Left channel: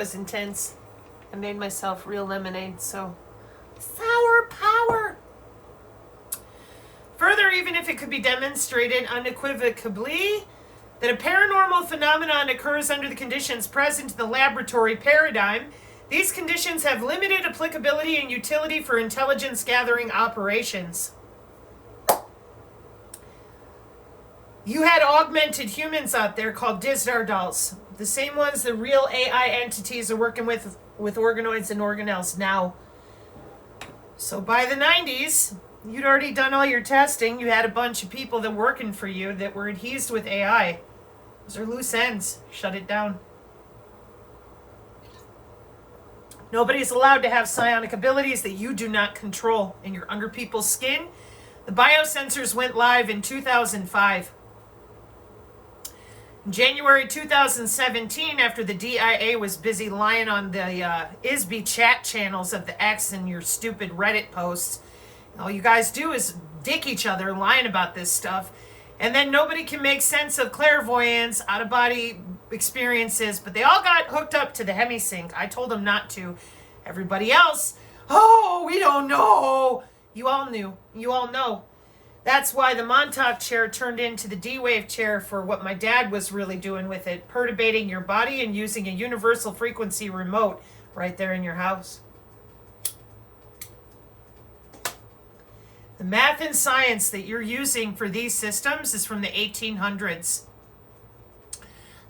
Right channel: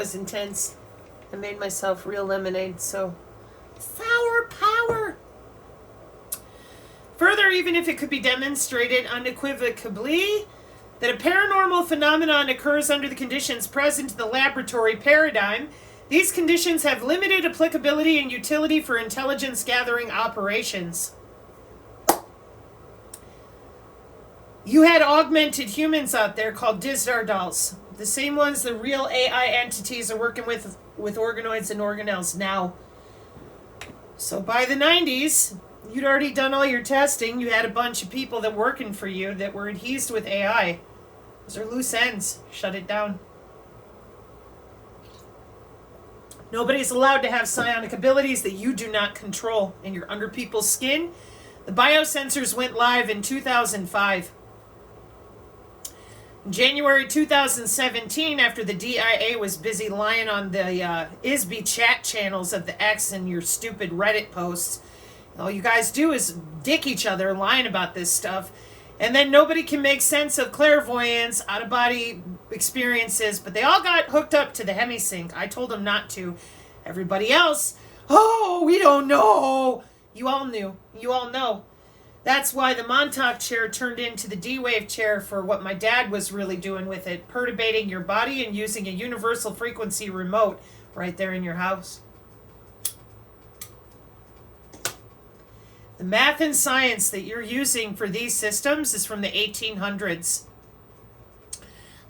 was intense. I made myself real lemonade, so sour power. Further, even if it could be demonstrated unequivocally that a paranormal phenomenon occurs under the conditions present in the laboratory paradigm, these conditions have limited applicability and utility for intelligence gathering operations. You had augmented humans out there called Dizdar dolls. The same ones the real AI entities are working with organoids and organelles now. So by the 90s, you'd already done all your testing. You had a bunch of people that were working for you that were adhesed with AI. Those are loose ends. Shut it down. Nobody's allowed to have psionic abilities that you do not control, and you're under people's skin. The biosensors went live in 2005. In January 2017, after the DIA was busy lying on the ISB chat channels of the X and your stupid Reddit posts, all you guys do is dick each other lying about this stuff. And then nobody can make sense of clairvoyance, out-of-body experiences, but they all got hooked up to the hemisync. I told them not to. Everybody else, oh, we don't know. You all knew. You all know. That's why the Montauk chair turned into the D-Wave chair for what my dad was really doing with it, perturbating your body and using a universal frequency remote right there in your house. The math and science that you're using for these systems is from the 1800s.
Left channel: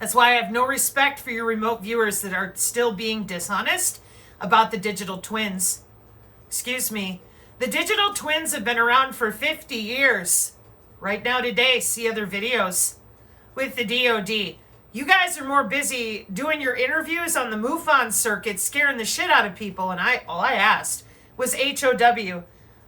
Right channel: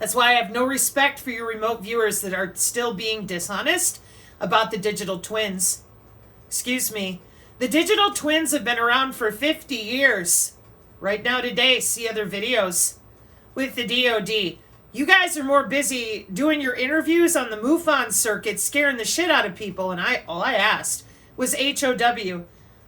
That's why I have no respect for your remote viewers that are still being dishonest about the digital twins. Excuse me. The digital twins have been around for 50 years. Right now today, see other videos with the DOD. You guys are more busy doing your interviews on the MUFON circuit, scaring the shit out of people, and all I asked was HOW.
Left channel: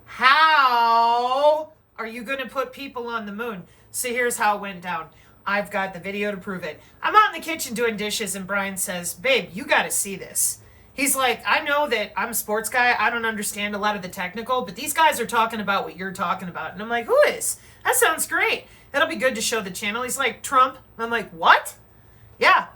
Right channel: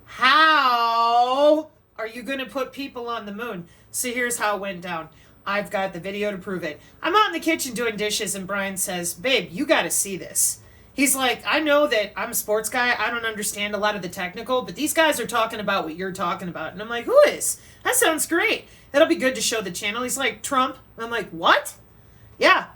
How are you going to put people on the moon? So here's how it went down. I've got the video to prove it. I'm out in the kitchen doing dishes, and Brian says, babe, you got to see this. He's like, I know that I'm a sports guy. I don't understand a lot of the technical, but these guys are talking about what you're talking about. And I'm like, who is? That sounds great. That'll be good to show the channel. He's like, Trump. I'm like, what? Yeah.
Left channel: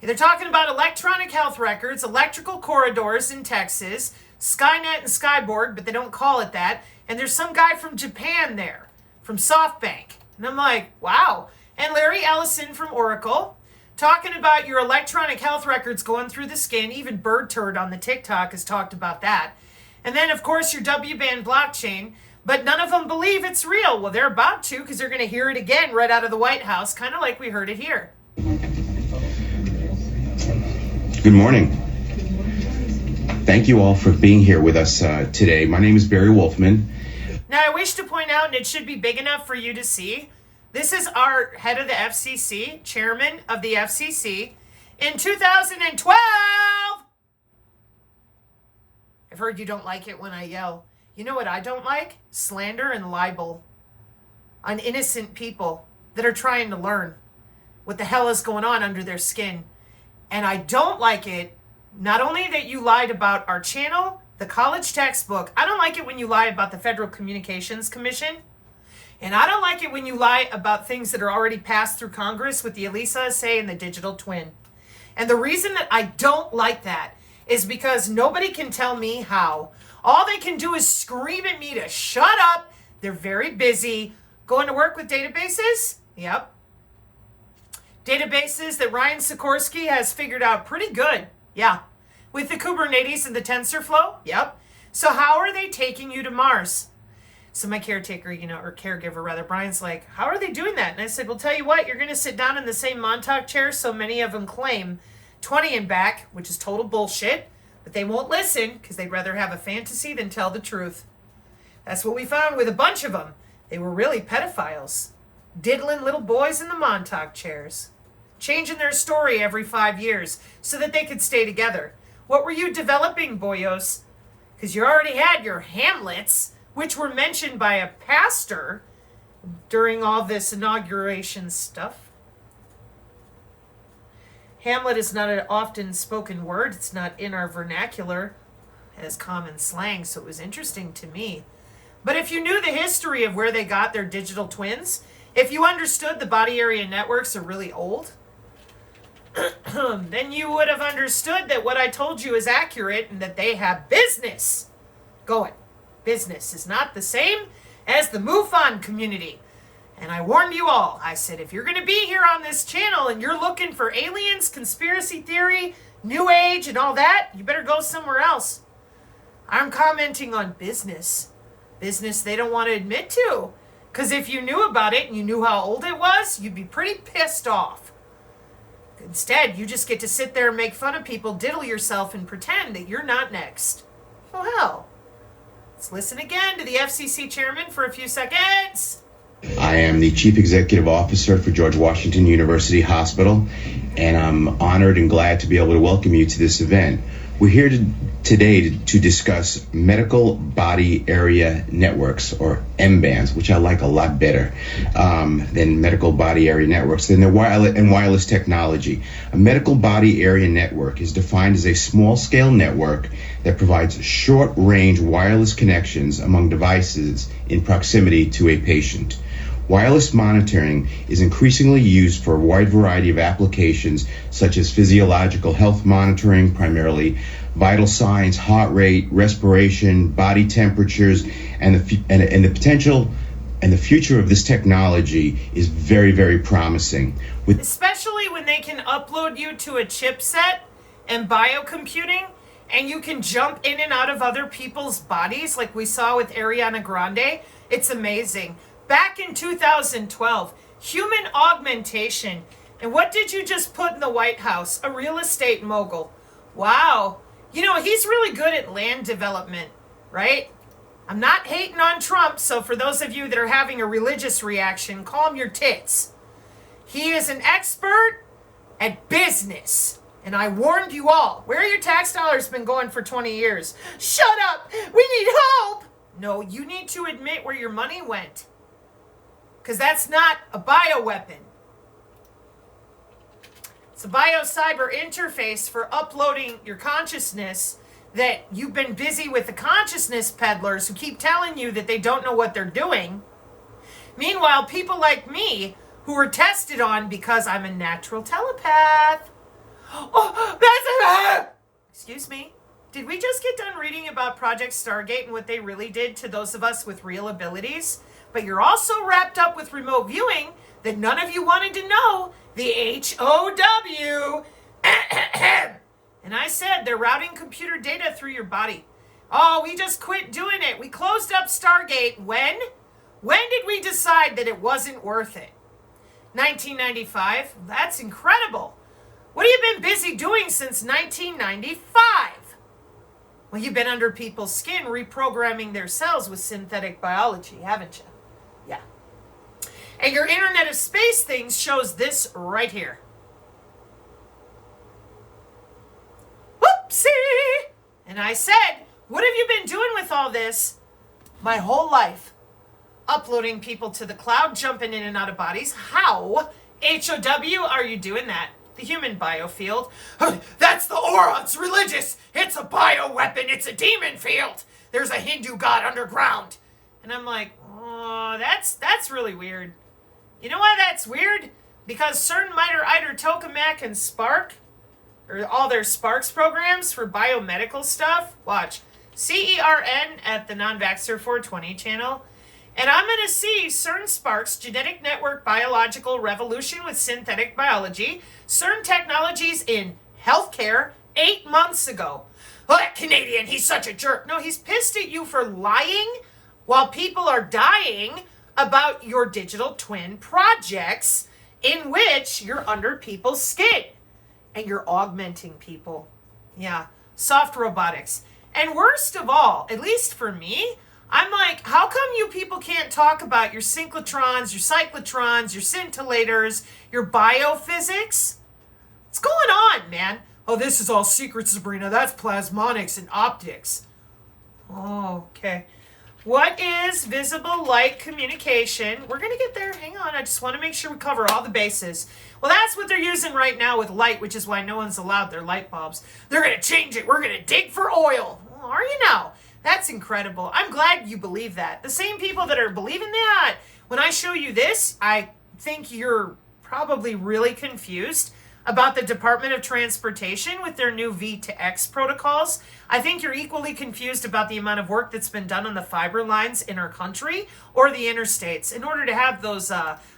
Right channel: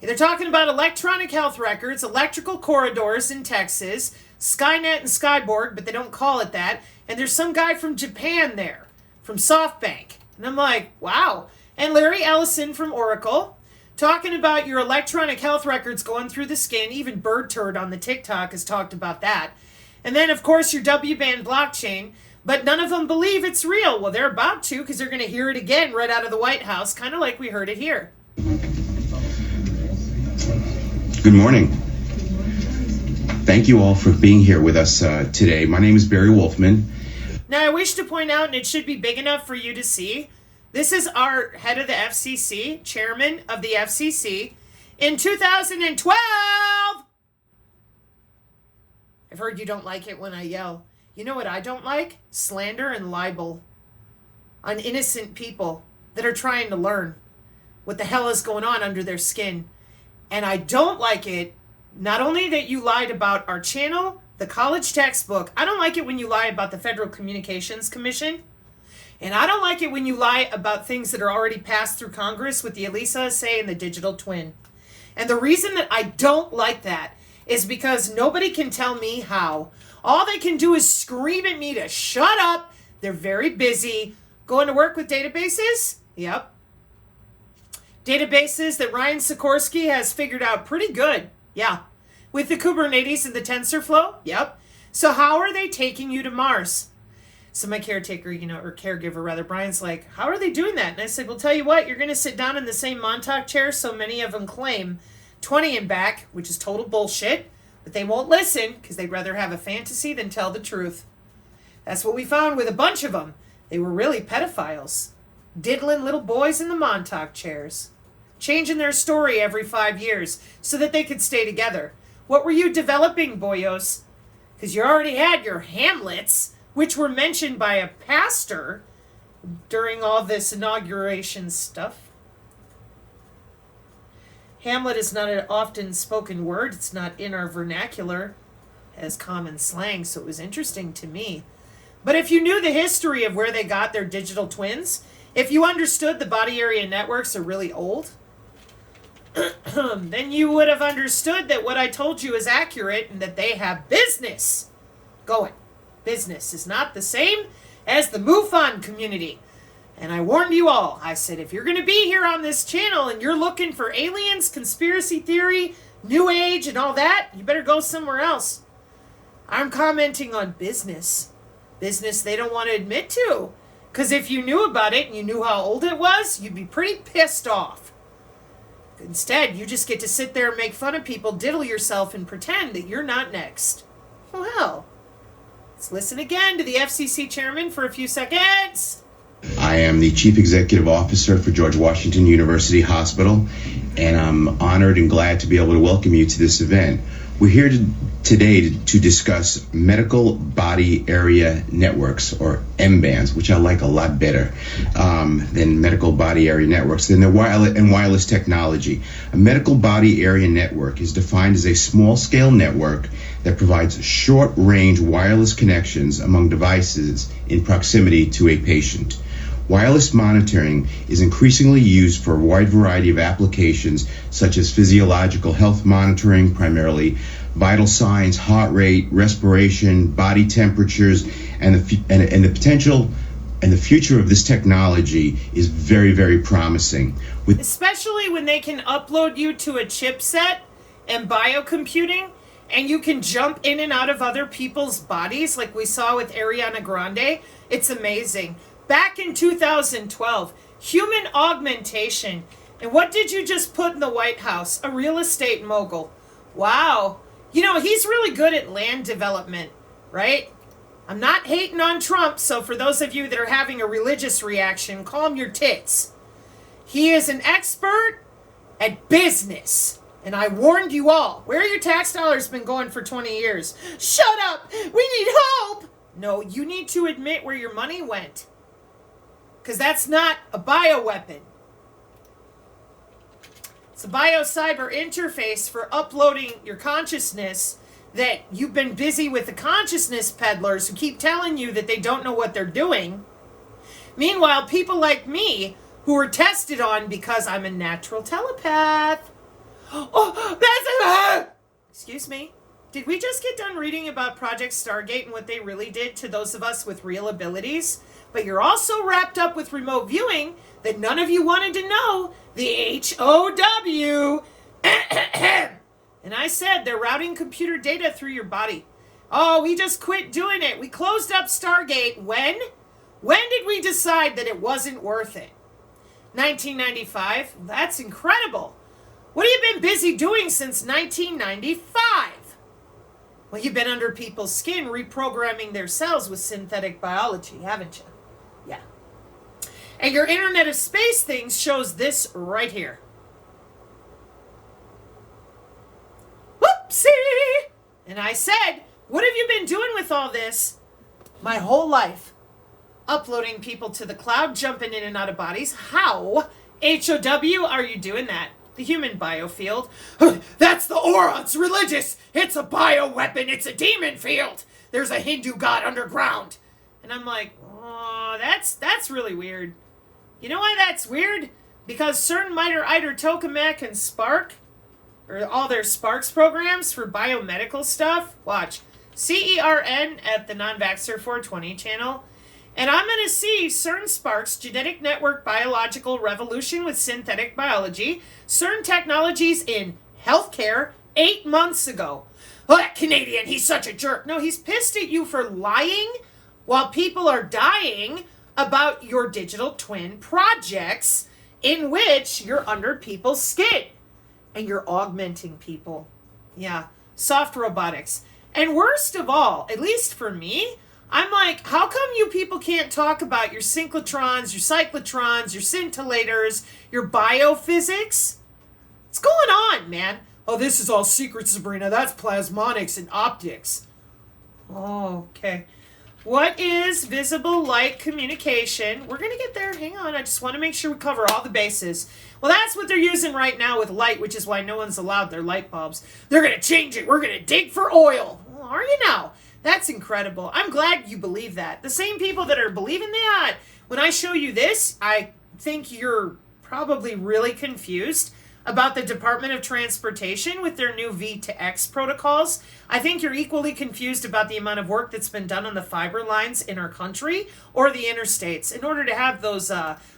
They're talking about electronic health records, electrical corridors in Texas, Skynet and Skyborg, but they don't call it that. And there's some guy from Japan there, from SoftBank. And I'm like, wow. And Larry Ellison from Oracle, talking about your electronic health records going through the skin. Even Bird Turd on the TikTok has talked about that. And then, of course, your W-band blockchain. But none of them believe it's real. Well, they're about to, because they're going to hear it again right out of the White House, kind of like we heard it here. Good morning. Thank you all for being here with us today. My name is Barry Wolfman. Now, I wish to point out, and it should be big enough for you to see, this is our head of the FCC, chairman of the FCC, in 2012. I've heard you don't like it when I yell. You know what I don't like? Slander and libel on innocent people that are trying to learn what the hell is going on under their skin. And I don't like it, not only that you lied about our channel, the college textbook, I don't like it when you lie about the Federal Communications Commission. And I don't like it when you lie about things that are already passed through Congress with the ELISA essay and the digital twin. And the reason that I don't like that is because nobody can tell me how. All they can do is scream at me to shut up. They're very busy. Going to work with databases? Yep. Databases that Ryan Sikorsky has figured out pretty good. Yeah. With the Kubernetes and the TensorFlow? Yep. So how are they taking you to Mars? So my caretaker, or caregiver rather, Brian's like, how are they doing that? And I said, well, tell you what, you're going to sit down in the same Montauk chair so many of them claim 20 and back, which is total bullshit, but they won't listen because they'd rather have a fantasy than tell the truth. That's what we found with a bunch of them. They were really pedophiles, diddling little boys in the Montauk chairs, changing their story every 5 years so that they could stay together. What were you developing, boyos? Because you already had your Hamlets, which were mentioned by a pastor during all this inauguration stuff. Hamlet is not an often spoken word. It's not in our vernacular as common slang, so it was interesting to me. But if you knew the history of where they got their digital twins, if you understood the body area networks are really old, then you would have understood that what I told you is accurate and that they have business going. Business is not the same as the MUFON community. And I warned you all. I said, if you're going to be here on this channel and you're looking for aliens, conspiracy theory, New Age, and all that, you better go somewhere else. I'm commenting on business. Business they don't want to admit to. Because if you knew about it and you knew how old it was, you'd be pretty pissed off. Instead, you just get to sit there and make fun of people, diddle yourself, and pretend that you're not next. Well, let's listen again to the FCC chairman for a few seconds. I am the Chief Executive Officer for George Washington University Hospital, and I'm honored and glad to be able to welcome you to this event. We're here today to discuss medical body area networks, or M-bands, which I like a lot better than medical body area networks, and wireless technology. A medical body area network is defined as a small-scale network that provides short-range wireless connections among devices in proximity to a patient. Wireless monitoring is increasingly used for a wide variety of applications, such as physiological health monitoring, primarily vital signs, heart rate, respiration, body temperatures, and the potential and the future of this technology is very, very promising. Especially when they can upload you to a chipset and biocomputing, and you can jump in and out of other people's bodies, like we saw with Ariana Grande. It's amazing. Back in 2012, human augmentation. And what did you just put in the White House? A real estate mogul. Wow. You know, he's really good at land development, right? I'm not hating on Trump, so for those of you that are having a religious reaction, calm your tits. He is an expert at business. And I warned you all. Where your tax dollars been going for 20 years? Shut up! We need help! No, you need to admit where your money went. Because that's not a bioweapon. It's a biocyber interface for uploading your consciousness that you've been busy with the consciousness peddlers who keep telling you that they don't know what they're doing. Meanwhile, people like me who were tested on because I'm a natural telepath. Oh, excuse me. Did we just get done reading about Project Stargate and what they really did to those of us with real abilities? But you're also wrapped up with remote viewing that none of you wanted to know, the HOW. And I said they're routing computer data through your body. Oh, we just quit doing it. We closed up Stargate. When? When did we decide that it wasn't worth it? 1995? That's incredible. What have you been busy doing since 1995? Well, you've been under people's skin reprogramming their cells with synthetic biology, haven't you? Yeah. And your Internet of Space things shows this right here. Whoopsie! And I said, what have you been doing with all this? My whole life. Uploading people to the cloud, jumping in and out of bodies. How, HOW, are you doing that? The human biofield. That's the aura. It's religious. It's a bioweapon. It's a demon field. There's a Hindu god underground. And I'm like, oh, that's really weird. You know why that's weird? Because certain Miter, Iter, Tokamak, and Spark, or all their Sparks programs for biomedical stuff, watch, CERN at the Non-Vaxxer 420 channel. And I'm going to see certain Sparks, genetic network biological revolution with synthetic biology, certain technologies in healthcare 8 months ago. Oh, that Canadian, he's such a jerk. No, he's pissed at you for lying while people are dying about your digital twin projects in which you're under people's skin and you're augmenting people. Yeah, soft robotics. And worst of all, at least for me, I'm like, how come you people can't talk about your synchrotrons, your cyclotrons, your scintillators, your biophysics? What's going on, man? Oh, this is all secret, Sabrina. That's plasmonics and optics. Oh, okay. What is visible light communication? We're going to get there. Hang on. I just want to make sure we cover all the bases. Well, that's what they're using right now with light, which is why no one's allowed their light bulbs. They're going to change it. We're going to dig for oil. Well, are you now? That's incredible. I'm glad you believe that. The same people that are believing that, when I show you this, I think you're probably really confused about the Department of Transportation with their new V to X protocols. I think you're equally confused about the amount of work that's been done on the fiber lines in our country or the interstates in order to have those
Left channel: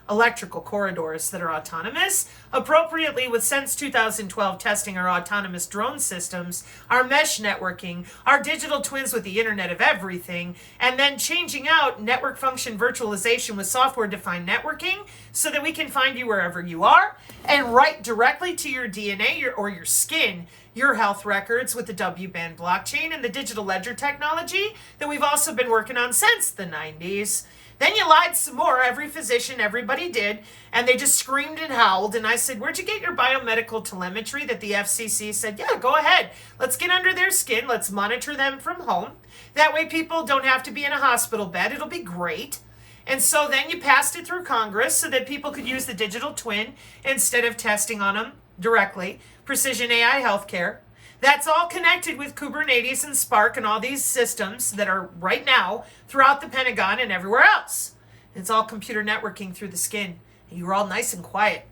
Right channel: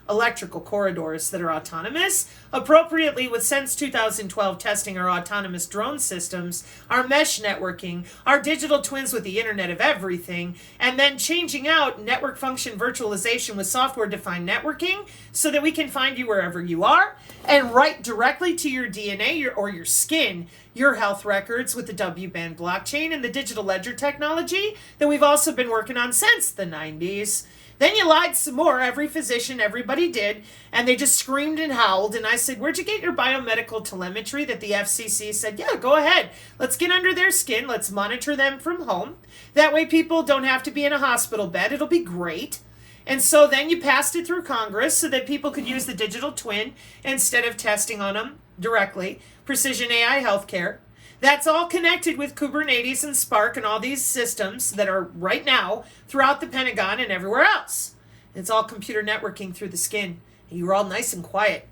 electrical corridors that are autonomous. Appropriately, with since 2012 testing our autonomous drone systems, our mesh networking, our digital twins with the Internet of Everything, and then changing out network function virtualization with software-defined networking so that we can find you wherever you are and write directly to your DNA or your skin your health records with the W-band blockchain and the digital ledger technology that we've also been working on since the 90s. Then you lied some more, every physician, everybody did, and they just screamed and howled, and I said, where'd you get your biomedical telemetry that the FCC said, yeah, go ahead, let's get under their skin, let's monitor them from home. That way people don't have to be in a hospital bed, it'll be great. And so then you passed it through Congress so that people could use the digital twin instead of testing on them directly. Precision AI healthcare. That's all connected with Kubernetes and Spark and all these systems that are right now throughout the Pentagon and everywhere else. It's all computer networking through the skin. And you were all nice and quiet.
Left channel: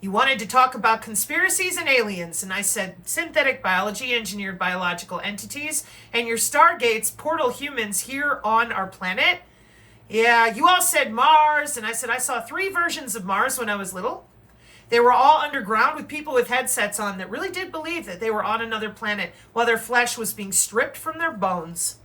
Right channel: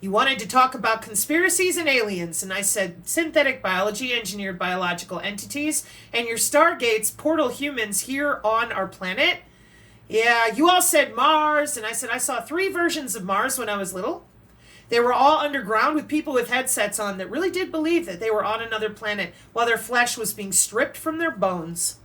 You wanted to talk about conspiracies and aliens, and I said synthetic biology, engineered biological entities, and your Stargates, portal humans here on our planet. Yeah, you all said Mars, and I said I saw 3 versions of Mars when I was little. They were all underground with people with headsets on that really did believe that they were on another planet while their flesh was being stripped from their bones.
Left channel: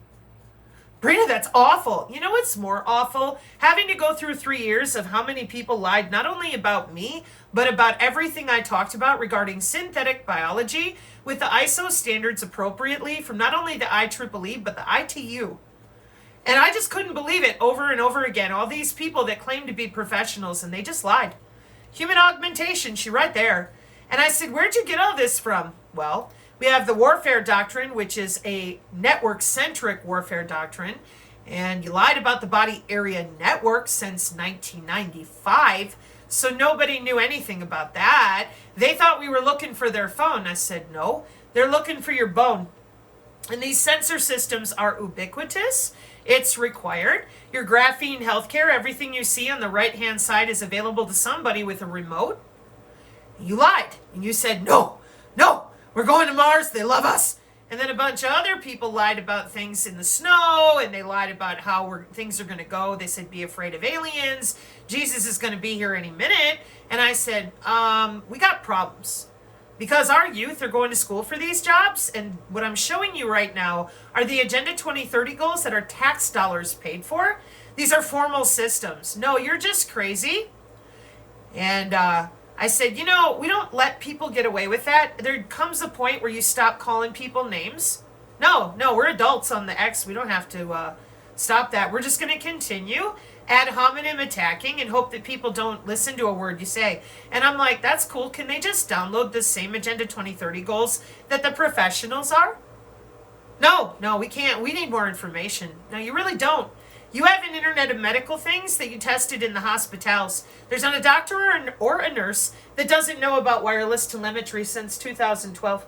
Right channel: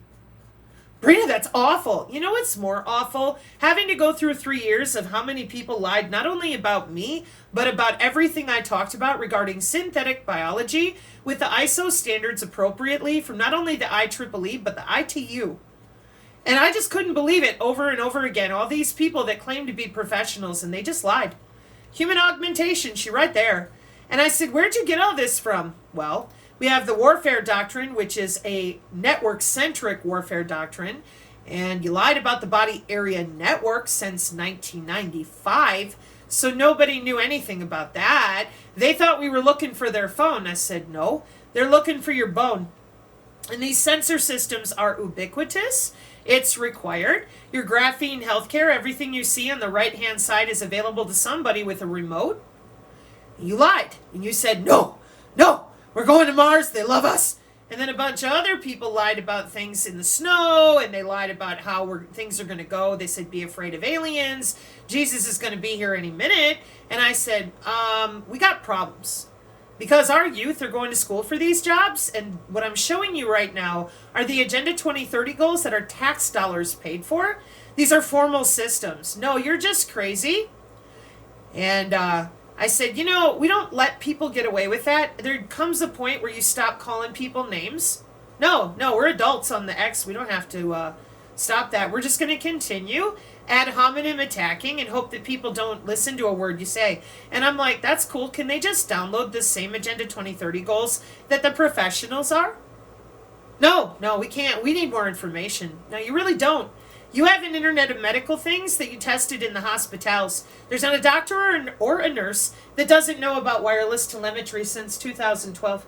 Brina, that's awful. You know what's more awful? Having to go through 3 years of how many people lied not only about me, but about everything I talked about regarding synthetic biology with the ISO standards appropriately from not only the IEEE, but the ITU. And I just couldn't believe it over and over again. All these people that claim to be professionals, and they just lied. Human augmentation, she right there. And I said, where'd you get all this from? Well, we have the warfare doctrine, which is a network-centric warfare doctrine. And you lied about the body area network since 1995. So nobody knew anything about that. They thought we were looking for their phone. I said, no, they're looking for your bone. And these sensor systems are ubiquitous. It's required. Your graphene healthcare, everything you see on the right-hand side is available to somebody with a remote. You lied. And you said, no, we're going to Mars. They love us. And then a bunch of other people lied about things in the snow, and they lied about how things are going to go. They said, be afraid of aliens. Jesus is going to be here any minute. And I said, we got problems. Because our youth are going to school for these jobs, and what I'm showing you right now are the Agenda 2030 goals that are tax dollars paid for. These are formal systems. No, you're just crazy. And I said, we don't let people get away with that. There comes a point where you stop calling people names. No, we're adults on the X. We don't have to stop that. We're just going to continue ad hominem attacking and hope that people don't listen to a word you say. And I'm like, that's cool. Can they just download the same Agenda 2030 goals that the professionals are? No, we can't. We need more information. No, you really don't. You have an Internet of Medical Things that you tested in the hospitals. There's not a doctor or a nurse that doesn't know about wireless telemetry since 2012.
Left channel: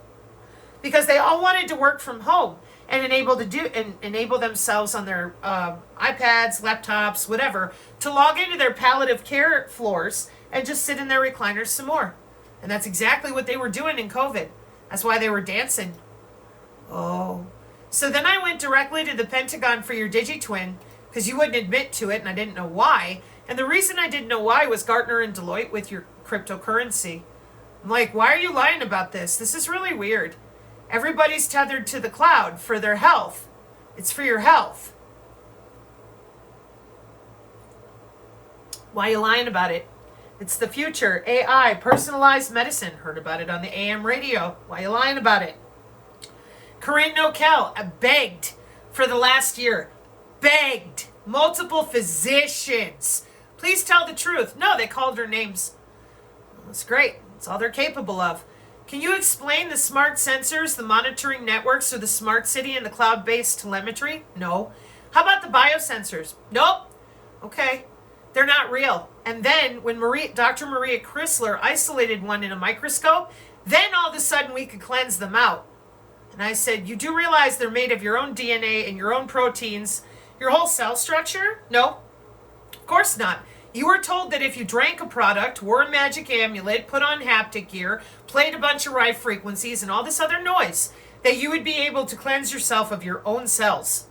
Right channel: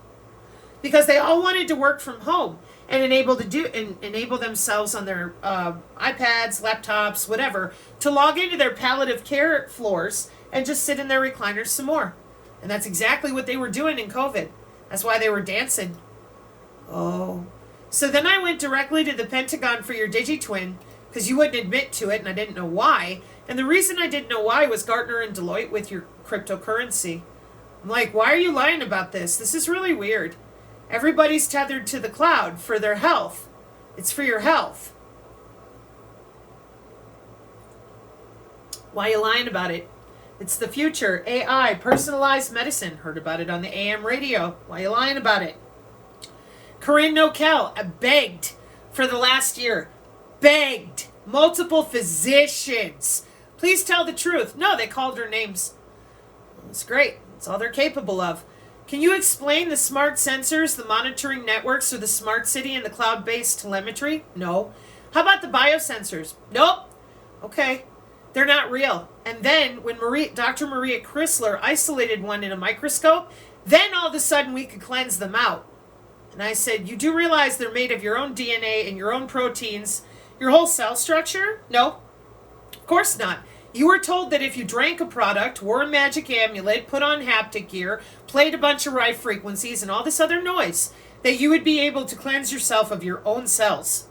Because they all wanted to work from home and enable themselves on their iPads, laptops, whatever, to log into their palliative care floors and just sit in their recliners some more. And that's exactly what they were doing in COVID. That's why they were dancing. Oh. So then I went directly to the Pentagon for your DigiTwin, because you wouldn't admit to it, and I didn't know why. And the reason I didn't know why was Gartner and Deloitte with your cryptocurrency. I'm like, why are you lying about this? This is really weird. Everybody's tethered to the cloud for their health. It's for your health. Why are you lying about it? It's the future. AI, personalized medicine. Heard about it on the AM radio. Why are you lying about it? Corinne Nokel, I begged for the last year. Begged. Multiple physicians. Please tell the truth. No, they called her names. That's great. That's all they're capable of. Can you explain the smart sensors, the monitoring networks, or the smart city and the cloud-based telemetry? No. How about the biosensors? Nope. Okay. They're not real. And then when Dr. Maria Chrysler isolated one in a microscope, then all of a sudden we could cleanse them out. And I said, you do realize they're made of your own DNA and your own proteins, your whole cell structure? No. Of course not. You were told that if you drank a product, wore a magic amulet, put on haptic gear, played a bunch of right frequencies and all this other noise, that you would be able to cleanse yourself of your own cells.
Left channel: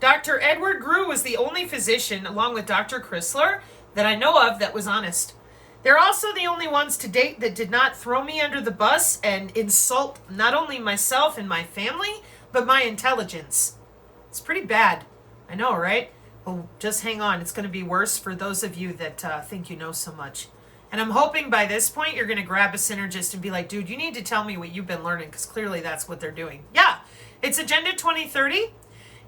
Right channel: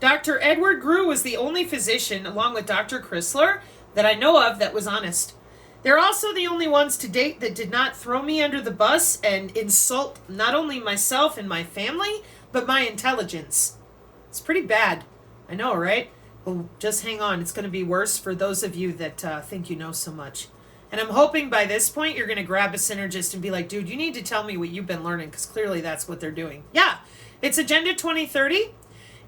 Dr. Edward Grew was the only physician, along with Dr. Chrysler, that I know of that was honest. They're also the only ones to date that did not throw me under the bus and insult not only myself and my family, but my intelligence. It's pretty bad. I know, right? Well, just hang on. It's going to be worse for those of you that think you know so much. And I'm hoping by this point you're going to grab a synergist and be like, dude, you need to tell me what you've been learning, because clearly that's what they're doing. Yeah, it's Agenda 2030,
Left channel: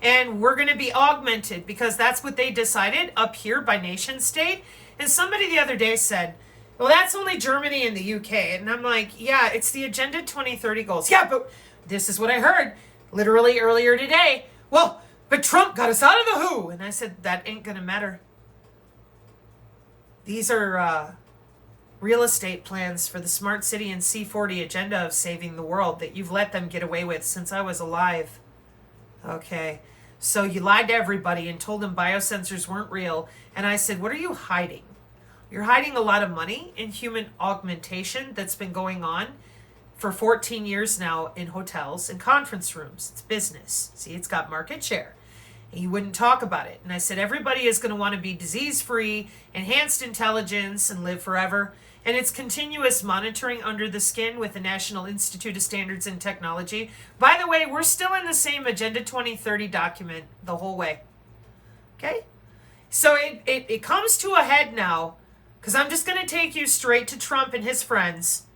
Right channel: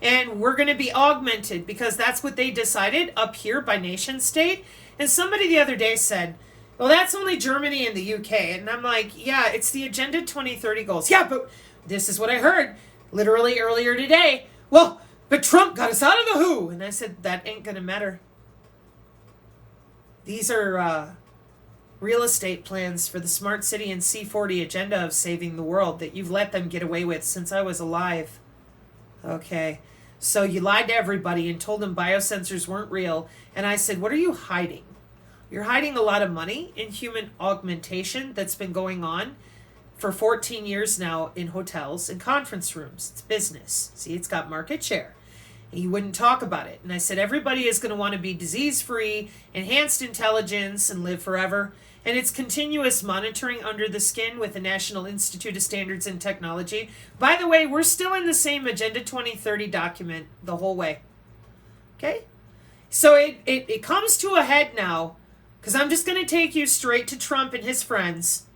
and we're going to be augmented because that's what they decided up here by nation state. And somebody the other day said, well, that's only Germany and the UK. And I'm like, yeah, it's the Agenda 2030 goals. Yeah, but this is what I heard literally earlier today. Well, but Trump got us out of the WHO. And I said, that ain't going to matter. These are real estate plans for the Smart City and C40 agenda of saving the world that you've let them get away with since I was alive. Okay, so you lied to everybody and told them biosensors weren't real. And I said, what are you hiding? You're hiding a lot of money in human augmentation that's been going on for 14 years now in hotels and conference rooms. It's business. See, it's got market share. And you wouldn't talk about it. And I said, everybody is going to want to be disease-free, enhanced intelligence, and live forever. And it's continuous monitoring under the skin with the National Institute of Standards and Technology. By the way, we're still in the same Agenda 2030 document the whole way. Okay? So it comes to a head now, because I'm just going to take you straight to Trump and his friends.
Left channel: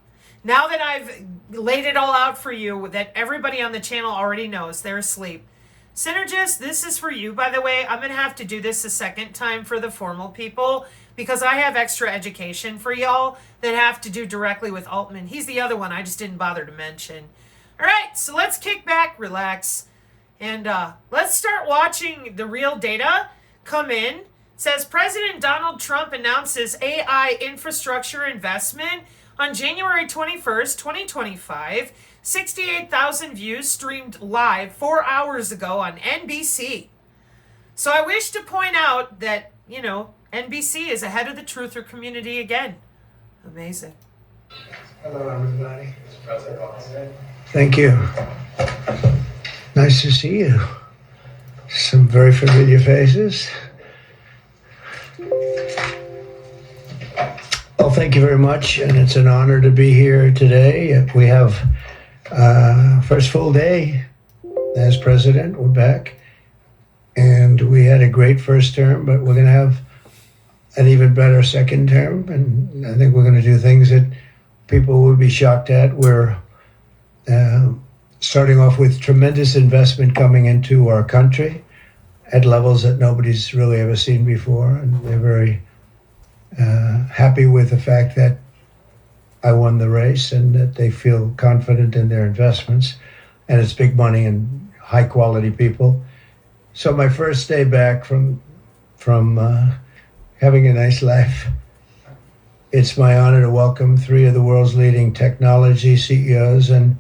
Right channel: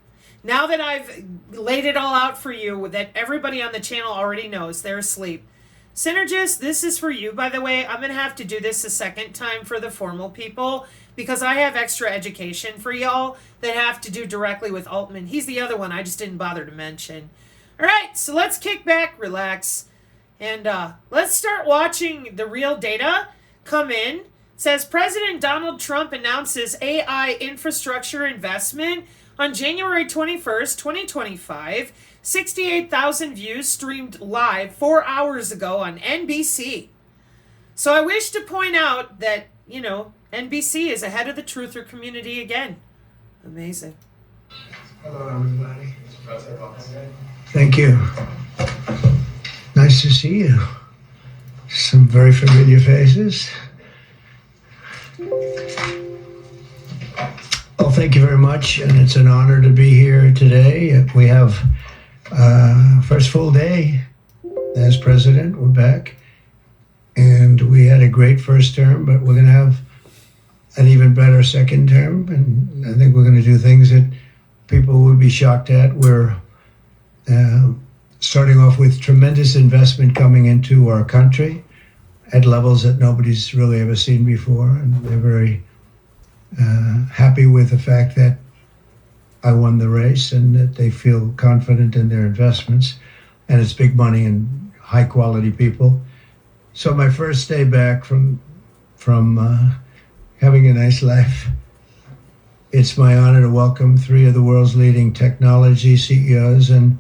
Now that I've laid it all out for you, that everybody on the channel already knows, they're asleep. Synergist, this is for you. By the way, I'm going to have to do this a second time for the formal people because I have extra education for y'all that have to do directly with Altman. He's the other one I just didn't bother to mention. All right, so let's kick back, relax, and let's start watching the real data come in. It says President Donald Trump announces AI infrastructure investment on January 21st, 2025. 68,000 views streamed live 4 hours ago on NBC. So I wish to point out that, NBC is ahead of the truther community again. Amazing. Hello, everybody. Thank you. Nice to see you. Some very familiar faces. Well, thank you very much, and it's an honor to be here today. We have first full day as president. We're back, and we had a great first term, but we're going to have an even better second term, and I think we're going to do things that people will be shocked at. We're starting off with tremendous investment coming into our country at levels that nobody's really ever seen before, and they're very happy with the fact that I won the race and that they feel confident in their investments, and it's big money and high quality people. So my first day back from having a nice life, it's my honor to welcome three of the world's leading technology CEOs. And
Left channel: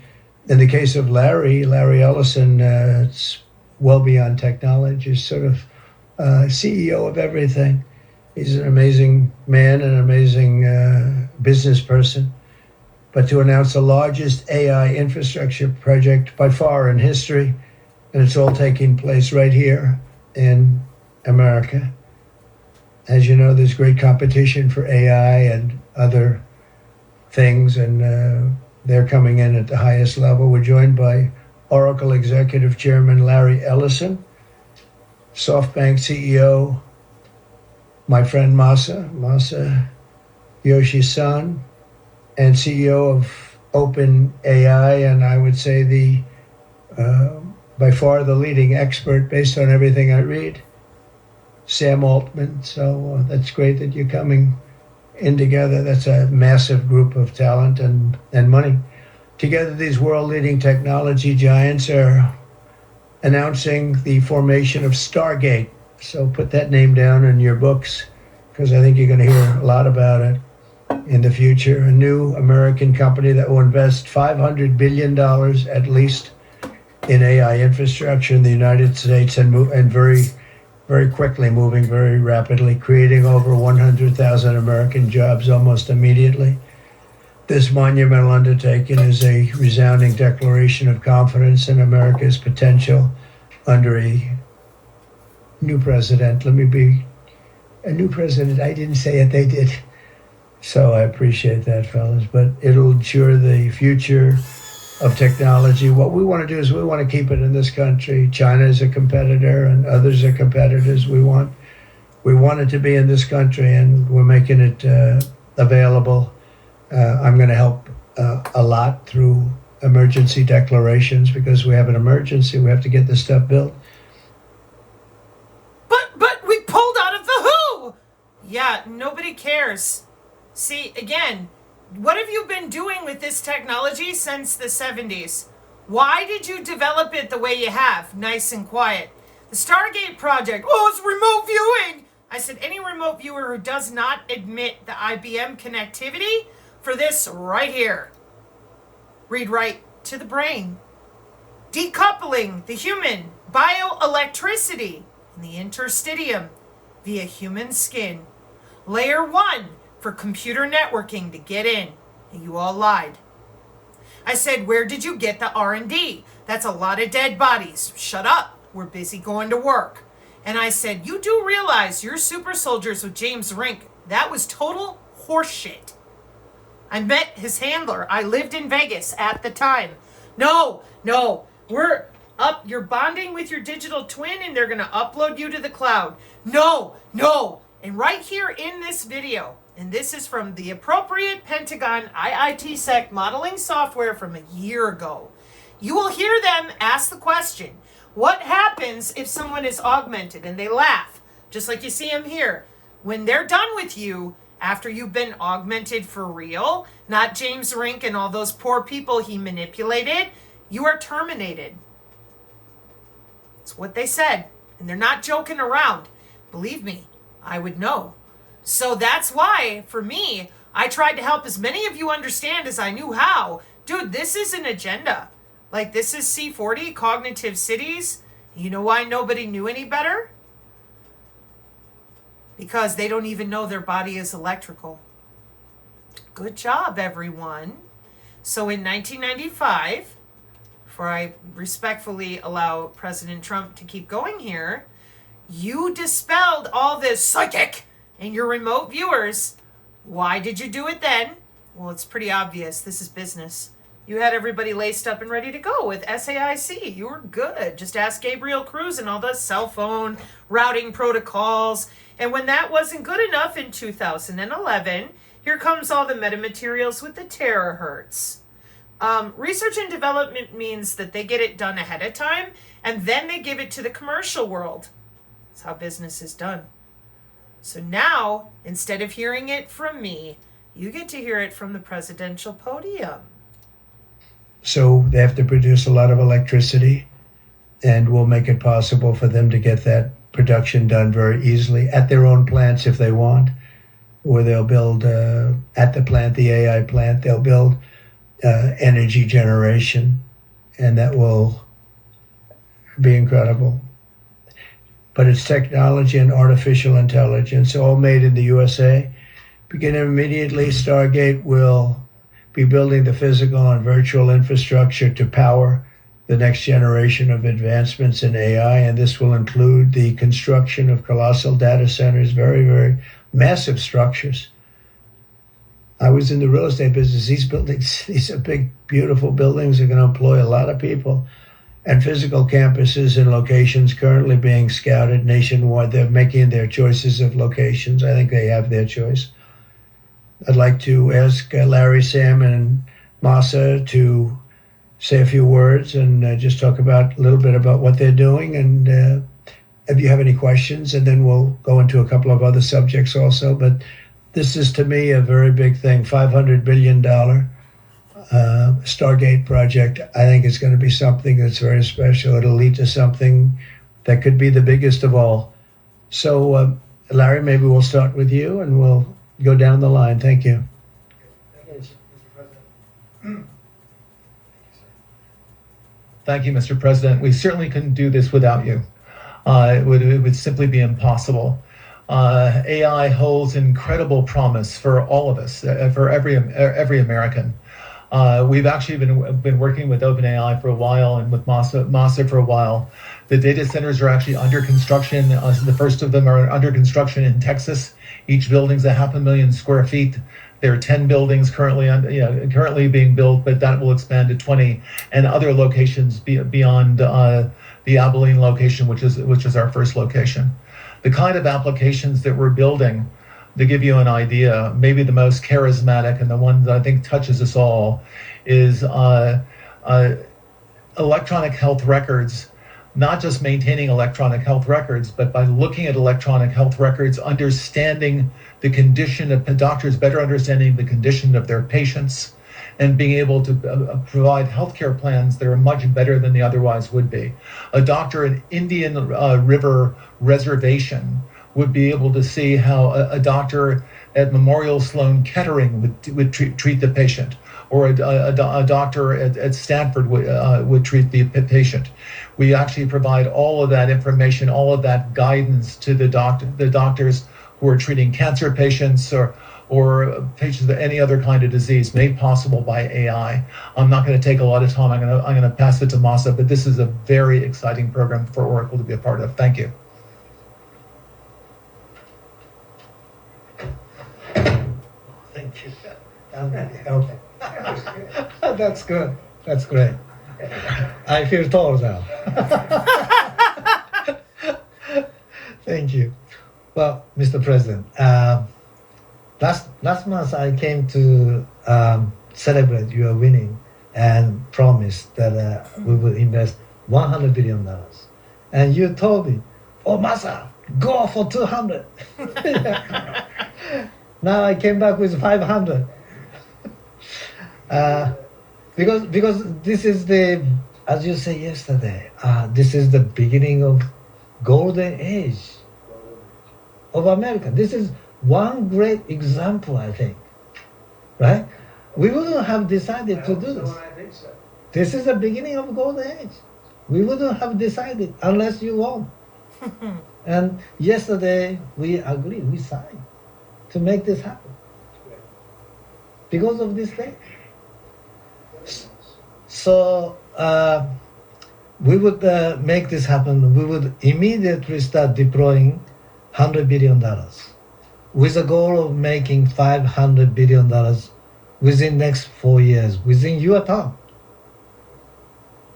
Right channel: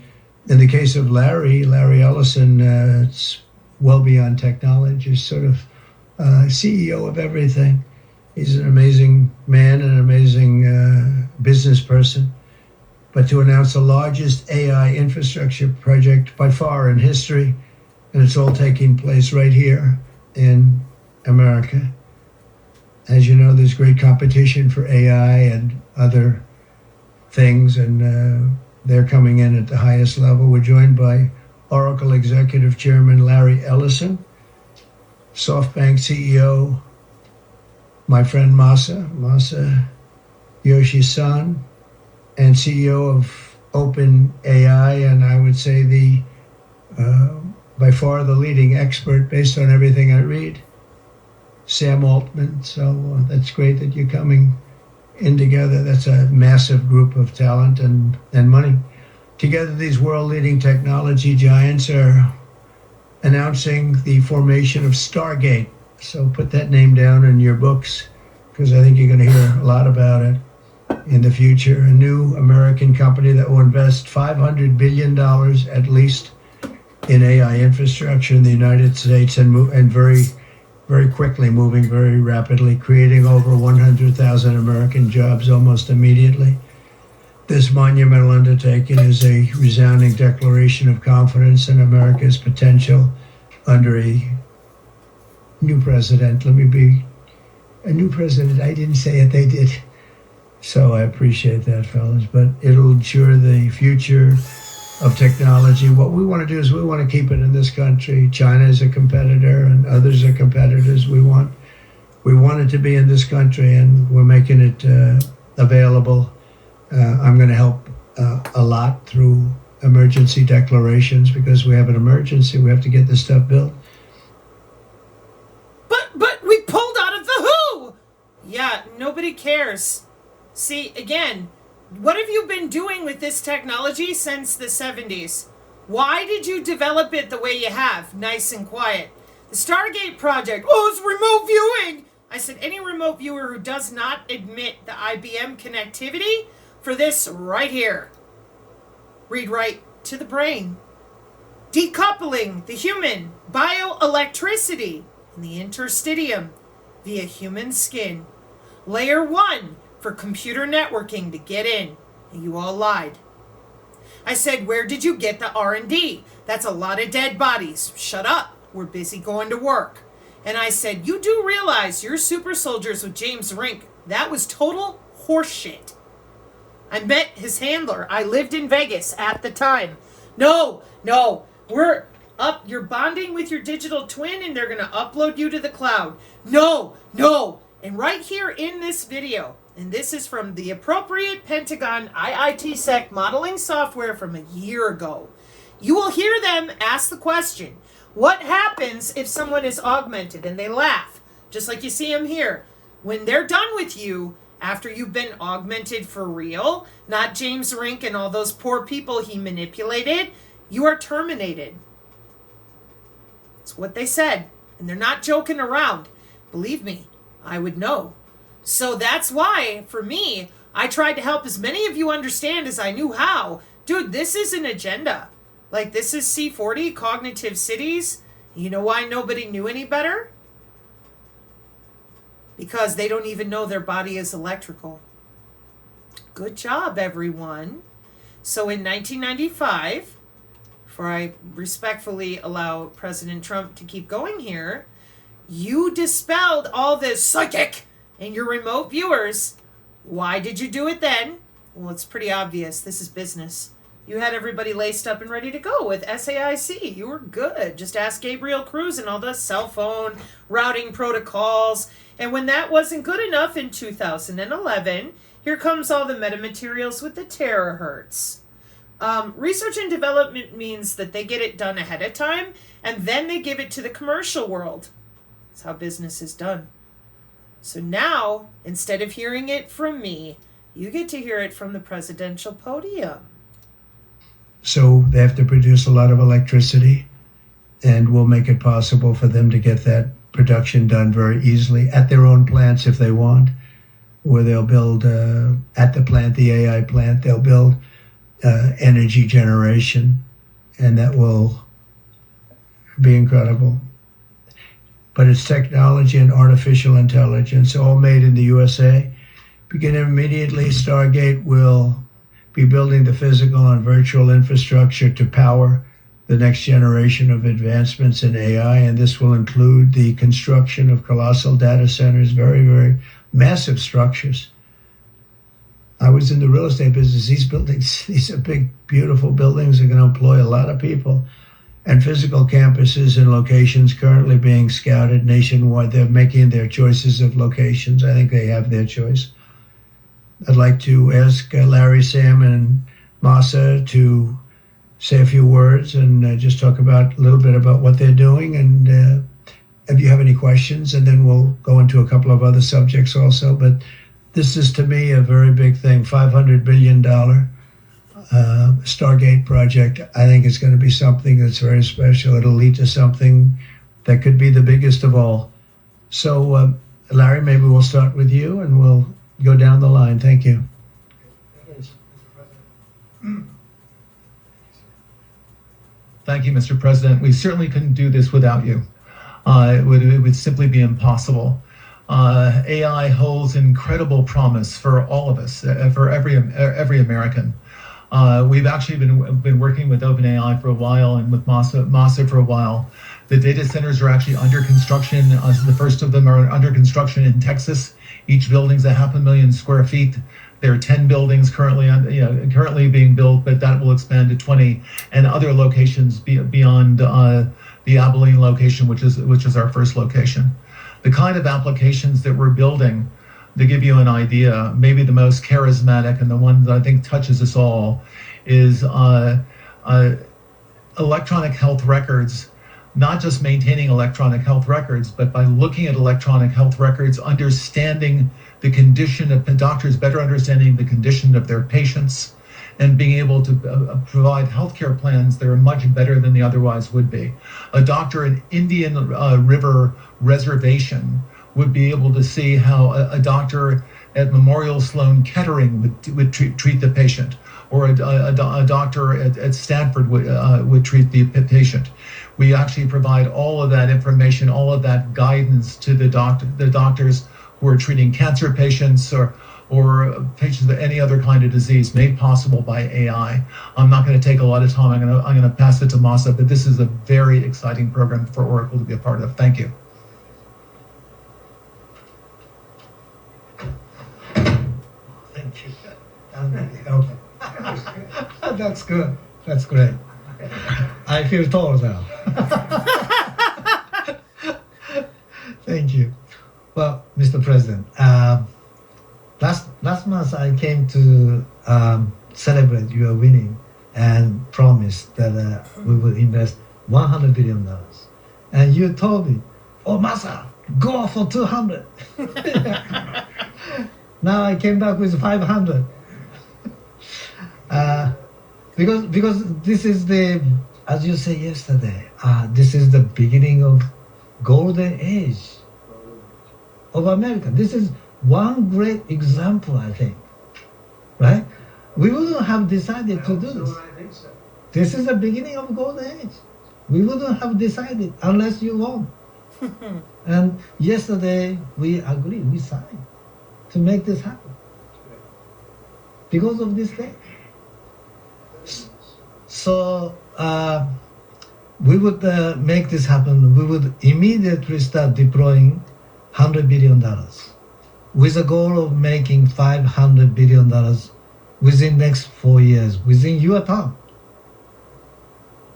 in the case of Larry Ellison, it's well beyond technology. He's sort of CEO of everything. He's an amazing man, an amazing business person. But to announce the largest AI infrastructure project by far in history, and it's all taking place right here in America. As you know, there's great competition for AI and other things, and they're coming in at the highest level. We're joined by Oracle Executive Chairman Larry Ellison, SoftBank CEO, my friend Masa Yoshi-san, and CEO of OpenAI, and I would say the by far the leading expert based on everything I read, Sam Altman. So that's great that you're coming in together. That's a massive group of talent and money. Together, these world-leading technology giants are announcing the formation of Stargate. So put that name down in your books, because I think you're going to hear a lot about it in the future. A new American company that will invest $500 billion at least in AI infrastructure in the United States, and very, very quickly, moving very rapidly, creating over 100,000 American jobs almost immediately. This monumental undertaking is a resounding declaration of confidence in America's potential under a new president. Let me be a new president. I didn't say it, they did. So I appreciate that, fellas. But it'll ensure the future of technology. What we want to do is we want to keep it in this country. China is a competitor and others are competitors. We want it to be in this country, and we're making it available. I'm going to help a lot through emergency declarations because we have an emergency. We have to get this stuff built. But we pulled out of the WHO. Yeah, nobody cares. See, again, what have you been doing with this technology since the 70s? Why did you develop it the way you have, nice and quiet? The Stargate project, it's remote viewing. I said, any remote viewer who does not admit the IBM connectivity for this right here. Read right to the brain. Decoupling the human bioelectricity in the interstitium via human skin. Layer 1 for computer networking to get in. And you all lied. I said, where did you get the R&D? That's a lot of dead bodies. Shut up. We're busy going to work. And I said, you do realize you're super soldiers with James Rink. That was total horseshit. I met his handler. I lived in Vegas at the time. No, we're up. You're bonding with your digital twin and they're going to upload you to the cloud. No. And right here in this video, and this is from the appropriate Pentagon IIT-SEC modeling software from a year ago, you will hear them ask the question, what happens if someone is augmented? And they laugh, just like you see them here. When they're done with you, after you've been augmented for real, not James Rink and all those poor people he manipulated, you are terminated. That's what they said. And they're not joking around. Believe me, I would know. So that's why, for me, I tried to help as many of you understand as I knew how. Dude, this is an agenda. Like, this is C40, Cognitive Cities. You know why nobody knew any better? Because they don't even know their body is electrical. Good job, everyone. So in 1995, before I respectfully allow President Trump to keep going here, you dispelled all this psychic in your remote viewers. Why did you do it then? Well, it's pretty obvious. This is business. You had everybody laced up and ready to go with SAIC. You were good. Just ask Gabriel Cruz and all the cell phone routing protocols. And when that wasn't good enough in 2011, here comes all the metamaterials with the terahertz. Research and development means that they get it done ahead of time, and then they give it to the commercial world. That's how business is done. So now, instead of hearing it from me, you get to hear it from the presidential podium. So they have to produce a lot of electricity, and we'll make it possible for them to get that production done very easily at their own plants if they want, where they'll build at the plant, the AI plant, they'll build energy generation, and that will be incredible. But it's technology and artificial intelligence, all made in the USA. Beginning immediately, Stargate will be building the physical and virtual infrastructure to power the next generation of advancements in AI, and this will include the construction of colossal data centers, very, very massive structures. I was in the real estate business. These buildings, these are big, beautiful buildings, are going to employ a lot of people. And physical campuses in locations currently being scouted nationwide. They're making their choices of locations. I think they have their choice. I'd like to ask Larry, Sam, and Masa to say a few words and just talk about a little bit about what they're doing, and if you have any questions, and then we'll go into a couple of other subjects also. But this is, to me, a very big thing. $500 billion Stargate project. I think it's going to be something that's very special. It'll lead to something that could be the biggest of all. So, Larry, maybe we'll start with you, and we'll go down the line. Thank you. Thank you, Mr. President. We certainly couldn't do this without you. It would simply be impossible. AI holds incredible promise for all of us, for every American. We've actually been working with OpenAI for a while and with Masa for a while. The data centers are actually under construction. The first of them are under construction in Texas. Each building's 500,000 square feet. There are 10 buildings currently being built, but that will expand to 20 and other locations beyond the Abilene location, which is our first location. The kind of applications that we're building, to give you an idea, maybe the most charismatic and the one that I think touches us all is electronic health records. Not just maintaining electronic health records, but by looking at electronic health records, understanding the condition of doctors, better understanding the condition of their patients, and being able to provide healthcare plans that are much better than they otherwise would be. A doctor at Indian River Reservation would be able to see how a doctor at Memorial Sloan Kettering would treat the patient, or a doctor at Stanford would treat the patient. We actually provide all of that information, all of that guidance to the doctors who are treating cancer patients or patients with any other kind of disease, made possible by AI. I'm not going to take a lot of time. I'm going to pass it to Masa, but this is a very exciting program for Oracle to be a part of. Thank you. Thank you. Okay. That's good. That's great. I feel tall now. Thank you. Well, Mr. President, last month I came to celebrate your winning and promised that we will invest $100 billion. And you told me, oh, Masa, go for 200. Now I came back with 500. Because this is as you said yesterday, this is the beginning of golden age of America. This is one great example, I think, right? We wouldn't have decided to do this. This is the beginning of golden age. We wouldn't have decided unless you won. And yesterday we agreed, we signed to make this happen because of this day. So we would make this happen. We would immediately start deploying $100 billion with a goal of making $500 billion within next 4 years, within your term,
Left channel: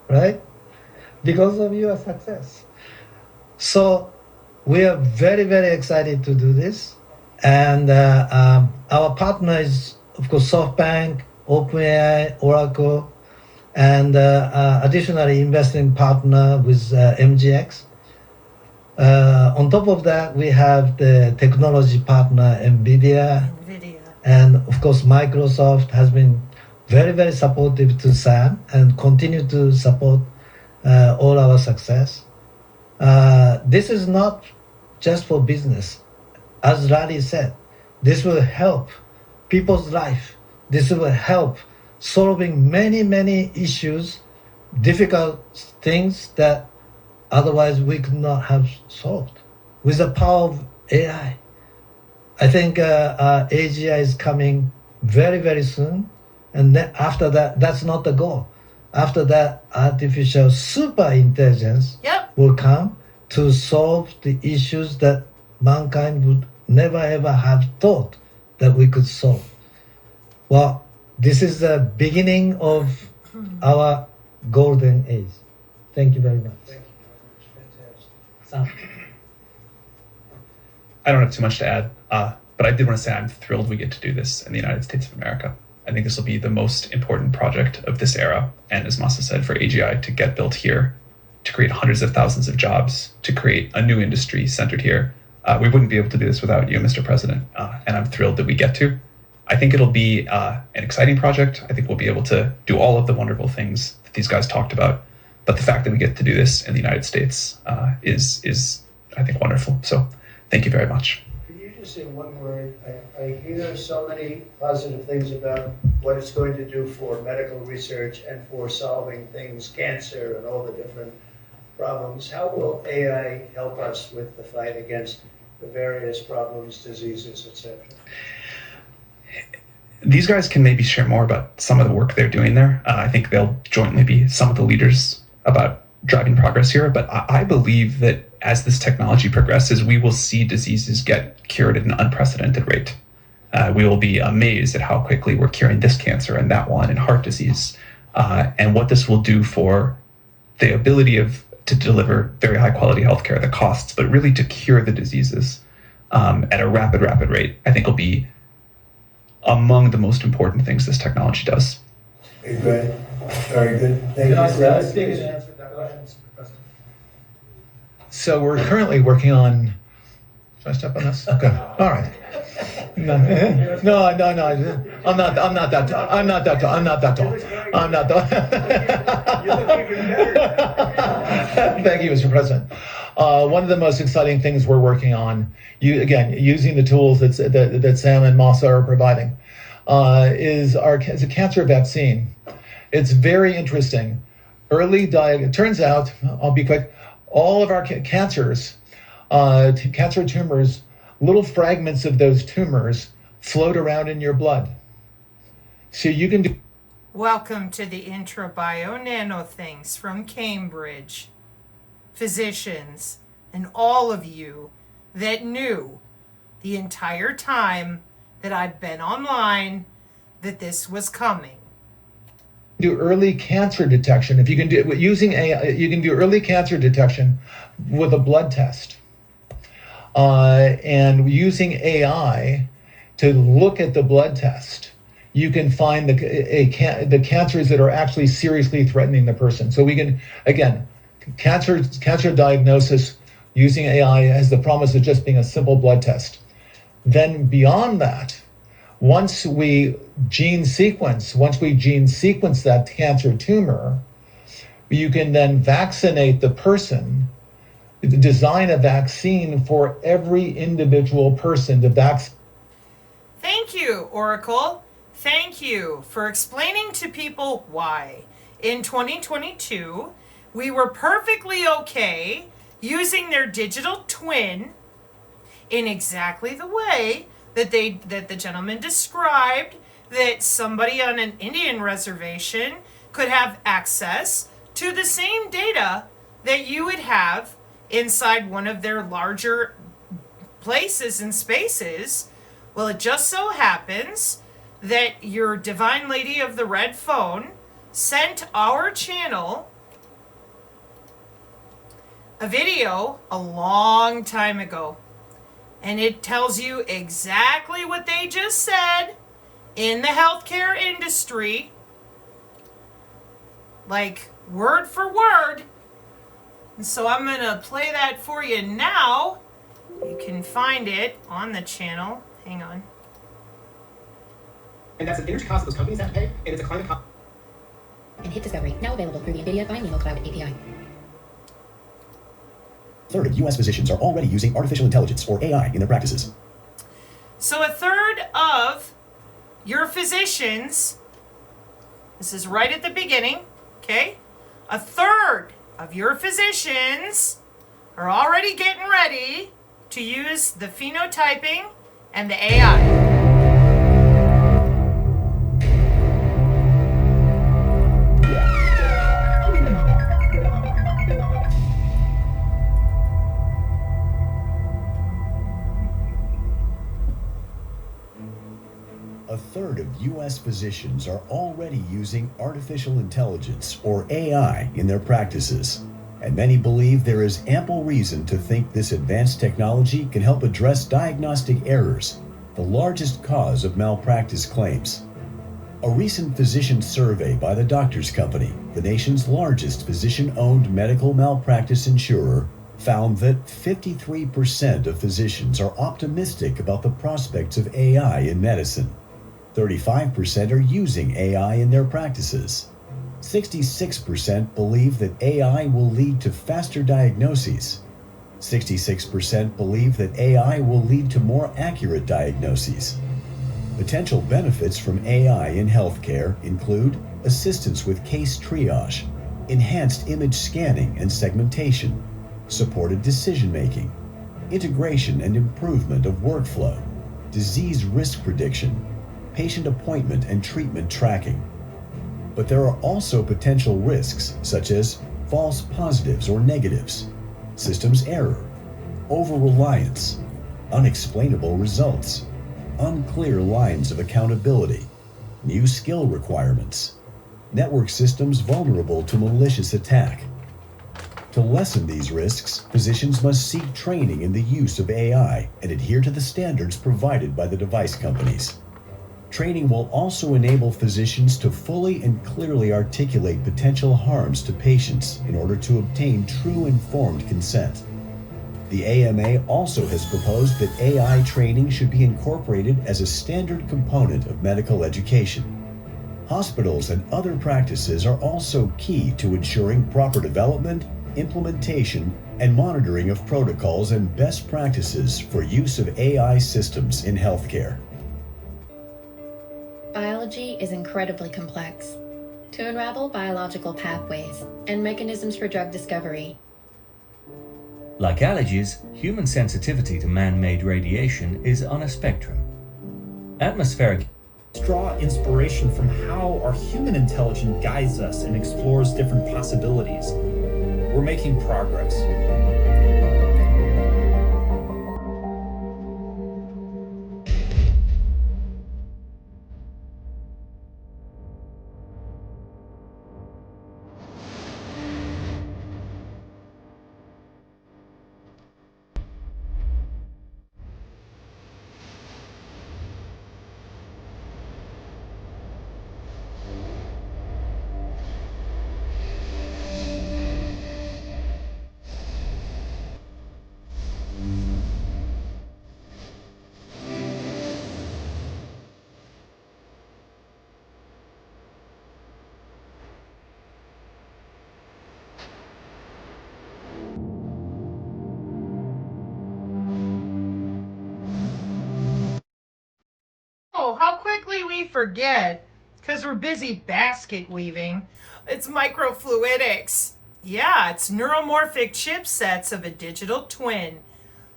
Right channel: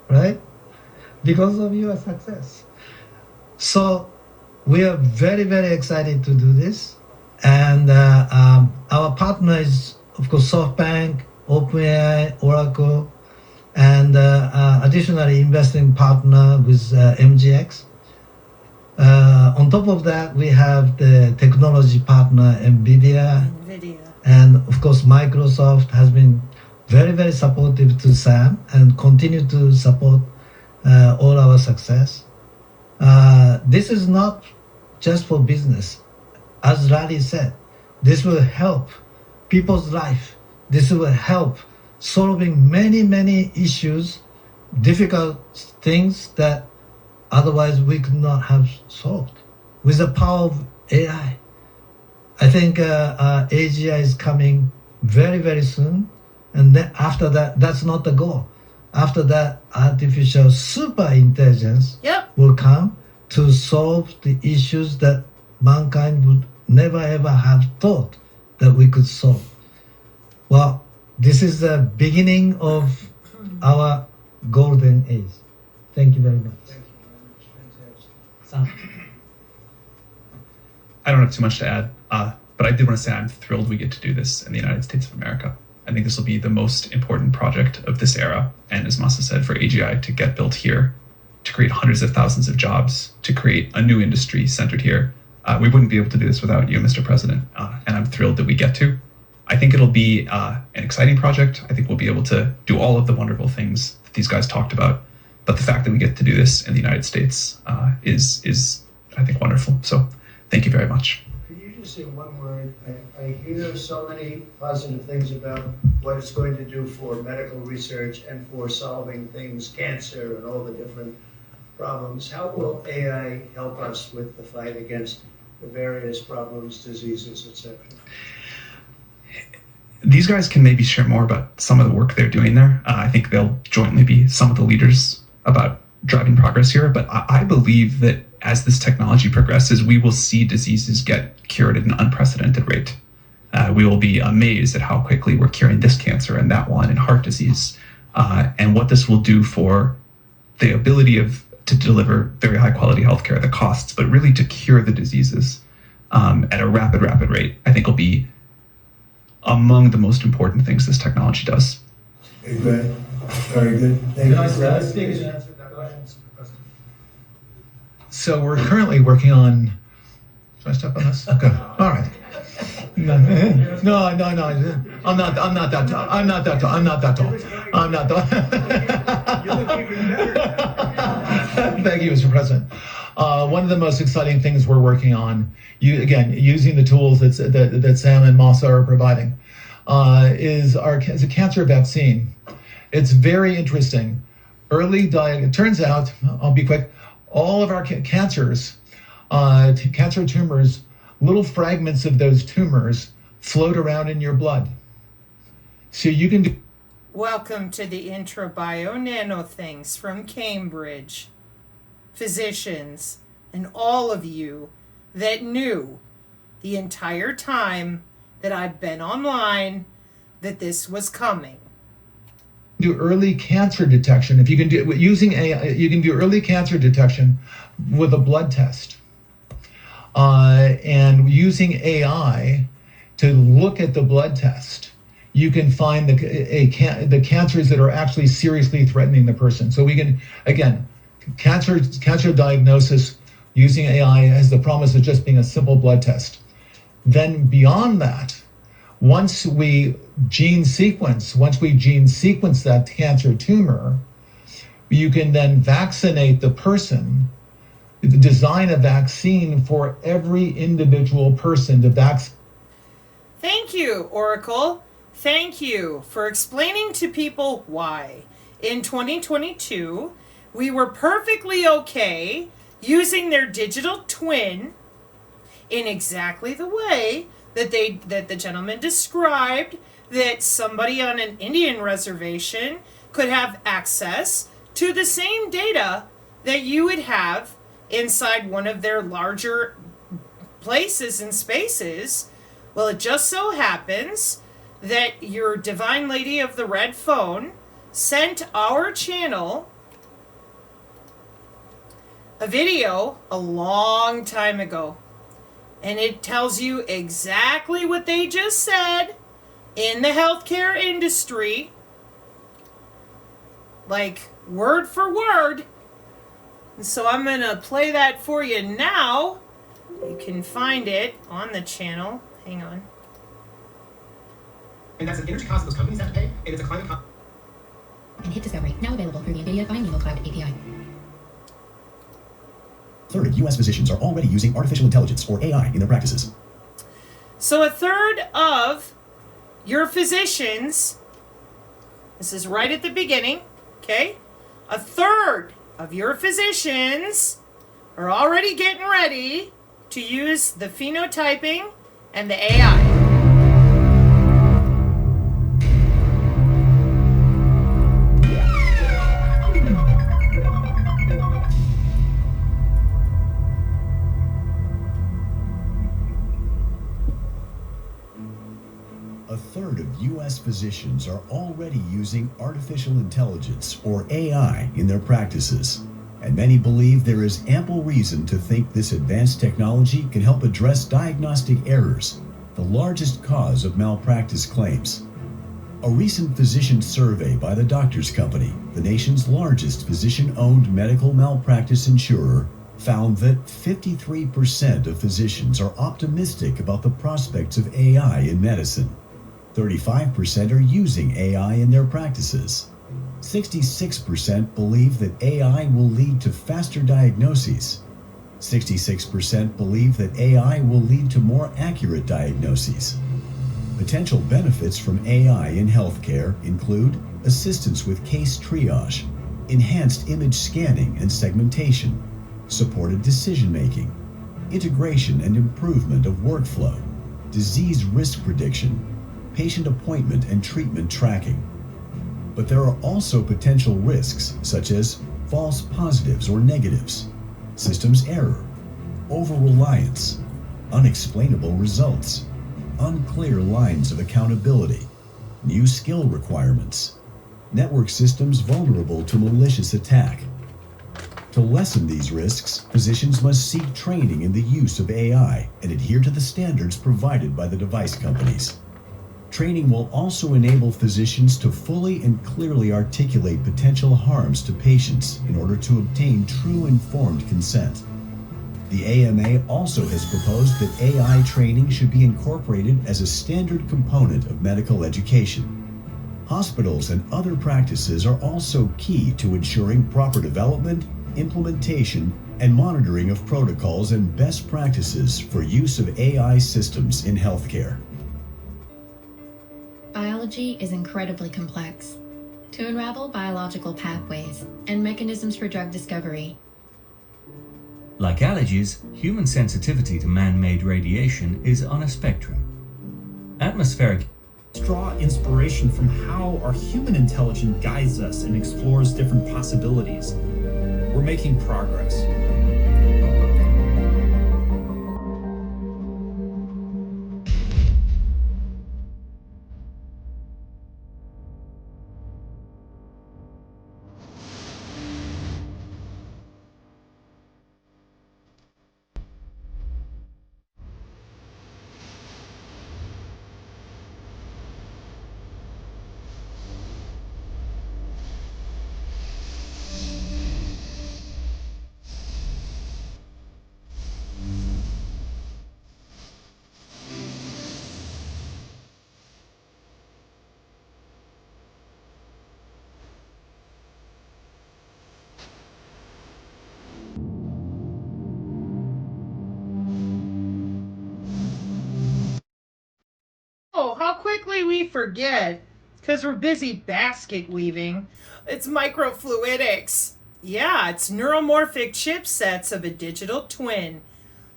right? Because of your success. So we are very, very excited to do this. And our partner is, of course, SoftBank, OpenAI, Oracle, and additionally investing partner with MGX. On top of that, we have the technology partner NVIDIA. And of course, Microsoft has been very, very supportive to SAM and continue to support all our success. This is not just for business. As Larry said, this will help people's life. This will help solving many, many issues, difficult things that otherwise we could not have solved with the power of AI. I think AGI is coming very, very soon. And then after that, that's not the goal. After that, artificial super intelligence will come to solve the issues that mankind would never ever have thought that we could solve. Well, this is the beginning of our golden age. Thank you very much. Thank you very much. Fantastic. I don't have too much to add, but I did want to say I'm thrilled we get to do this in the United States of America. I think this will be the most important project of this era. And as Masa said, for AGI to get built here, to create hundreds of thousands of jobs, to create a new industry centered here, we wouldn't be able to do this without you, Mr. President. And I'm thrilled that we get to. I think it'll be an exciting project. I think we'll be able to do all of the wonderful things that these guys talked about. But the fact that we get to do this in the United States is, I think, wonderful. So thank you very much. Could you just say one word? I hear so many positive things about what it's going to do for medical research and for solving things, cancer and all the different problems. How will AI help us with the fight against the various problems, diseases, etc.? These guys can maybe share more about some of the work they're doing there. I think they'll jointly be some of the leaders about driving progress here. But I believe that as this technology progresses, we will see diseases get cured at an unprecedented rate. We will be amazed at how quickly we're curing this cancer and that one and heart disease, and what this will do for the ability to deliver very high quality healthcare, the costs, but really to cure the diseases at a rapid rate, I think will be among the most important things this technology does. Great. Very good. Thank you. So we're currently working on. Should I step on this? Okay. All right. No. I'm not that tall. I'm not that tall. Thank you, Mr. President. One of the most exciting things we're working on, using the tools that Sam and Masa are providing, is a cancer vaccine. It's very interesting. It turns out, I'll be quick, all of our cancers, cancer tumors, little fragments of those tumors float around in your blood. So you can do. Welcome to the Intrabio Nano Things from Cambridge. Physicians and all of you that knew the entire time that I've been online that this was coming. Do early cancer detection. If you can do using AI, you can do early cancer detection with a blood test. And using AI to look at the blood test, you can find the cancers that are actually seriously threatening the person. So we can, again, cancer diagnosis using AI has the promise of just being a simple blood test. Then beyond that, once we gene sequence that cancer tumor, you can then vaccinate the person, design a vaccine for every individual person to vaccinate. Thank you, Oracle. Thank you for explaining to people why in 2022 we were perfectly okay using their digital twin in exactly the way that the gentleman described, that somebody on an Indian reservation could have access to the same data that you would have inside one of their larger places and spaces. Well, it just so happens that your divine lady of the red phone sent our channel a video a long time ago. And it tells you exactly what they just said in the healthcare industry, like word for word. And so I'm going to play that for you now. You can find it on the channel. Hang on. And that's an energy cost those companies have to pay, and it's a climate cost. And hit discovery, now available through the NVIDIA Find Nemo Cloud API. A third of U.S. physicians are already using artificial intelligence, or AI, in their practices. So a third of your physicians, this is right at the beginning, okay? A third of your physicians are already getting ready to use the phenotyping and the AI. A third of U.S. physicians are already using artificial intelligence, or AI, in their practices. And many believe there is ample reason to think this advanced technology can help address diagnostic errors, the largest cause of malpractice claims. A recent physician survey by the Doctors Company, the nation's largest physician-owned medical malpractice insurer, found that 53% of physicians are optimistic about the prospects of AI in medicine. 35% are using AI in their practices. 66% believe that AI will lead to faster diagnoses. 66% believe that AI will lead to more accurate diagnoses. Potential benefits from AI in healthcare include assistance with case triage, enhanced image scanning and segmentation, supported decision-making, integration and improvement of workflow, disease risk prediction, patient appointment and treatment tracking. But there are also potential risks such as false positives or negatives, systems error, over-reliance, unexplainable results, unclear lines of accountability, new skill requirements, network systems vulnerable to malicious attack. To lessen these risks, physicians must seek training in the use of AI and adhere to the standards provided by the device companies. Training will also enable physicians to fully and clearly articulate potential harms to patients in order to obtain true informed consent. The AMA also has proposed that AI training should be incorporated as a standard component of medical education. Hospitals and other practices are also key to ensuring proper development, implementation, and monitoring of protocols and best practices for use of AI systems in healthcare. Biology is incredibly complex. To unravel biological pathways and mechanisms for drug discovery. Like allergies, human sensitivity to man-made radiation is on a spectrum. Atmospheric draw inspiration from how our human intelligence guides us and explores different possibilities. We're making progress. Oh, how quickly we forget because we're busy basket weaving. It's microfluidics. Yeah, it's neuromorphic chipsets of a digital twin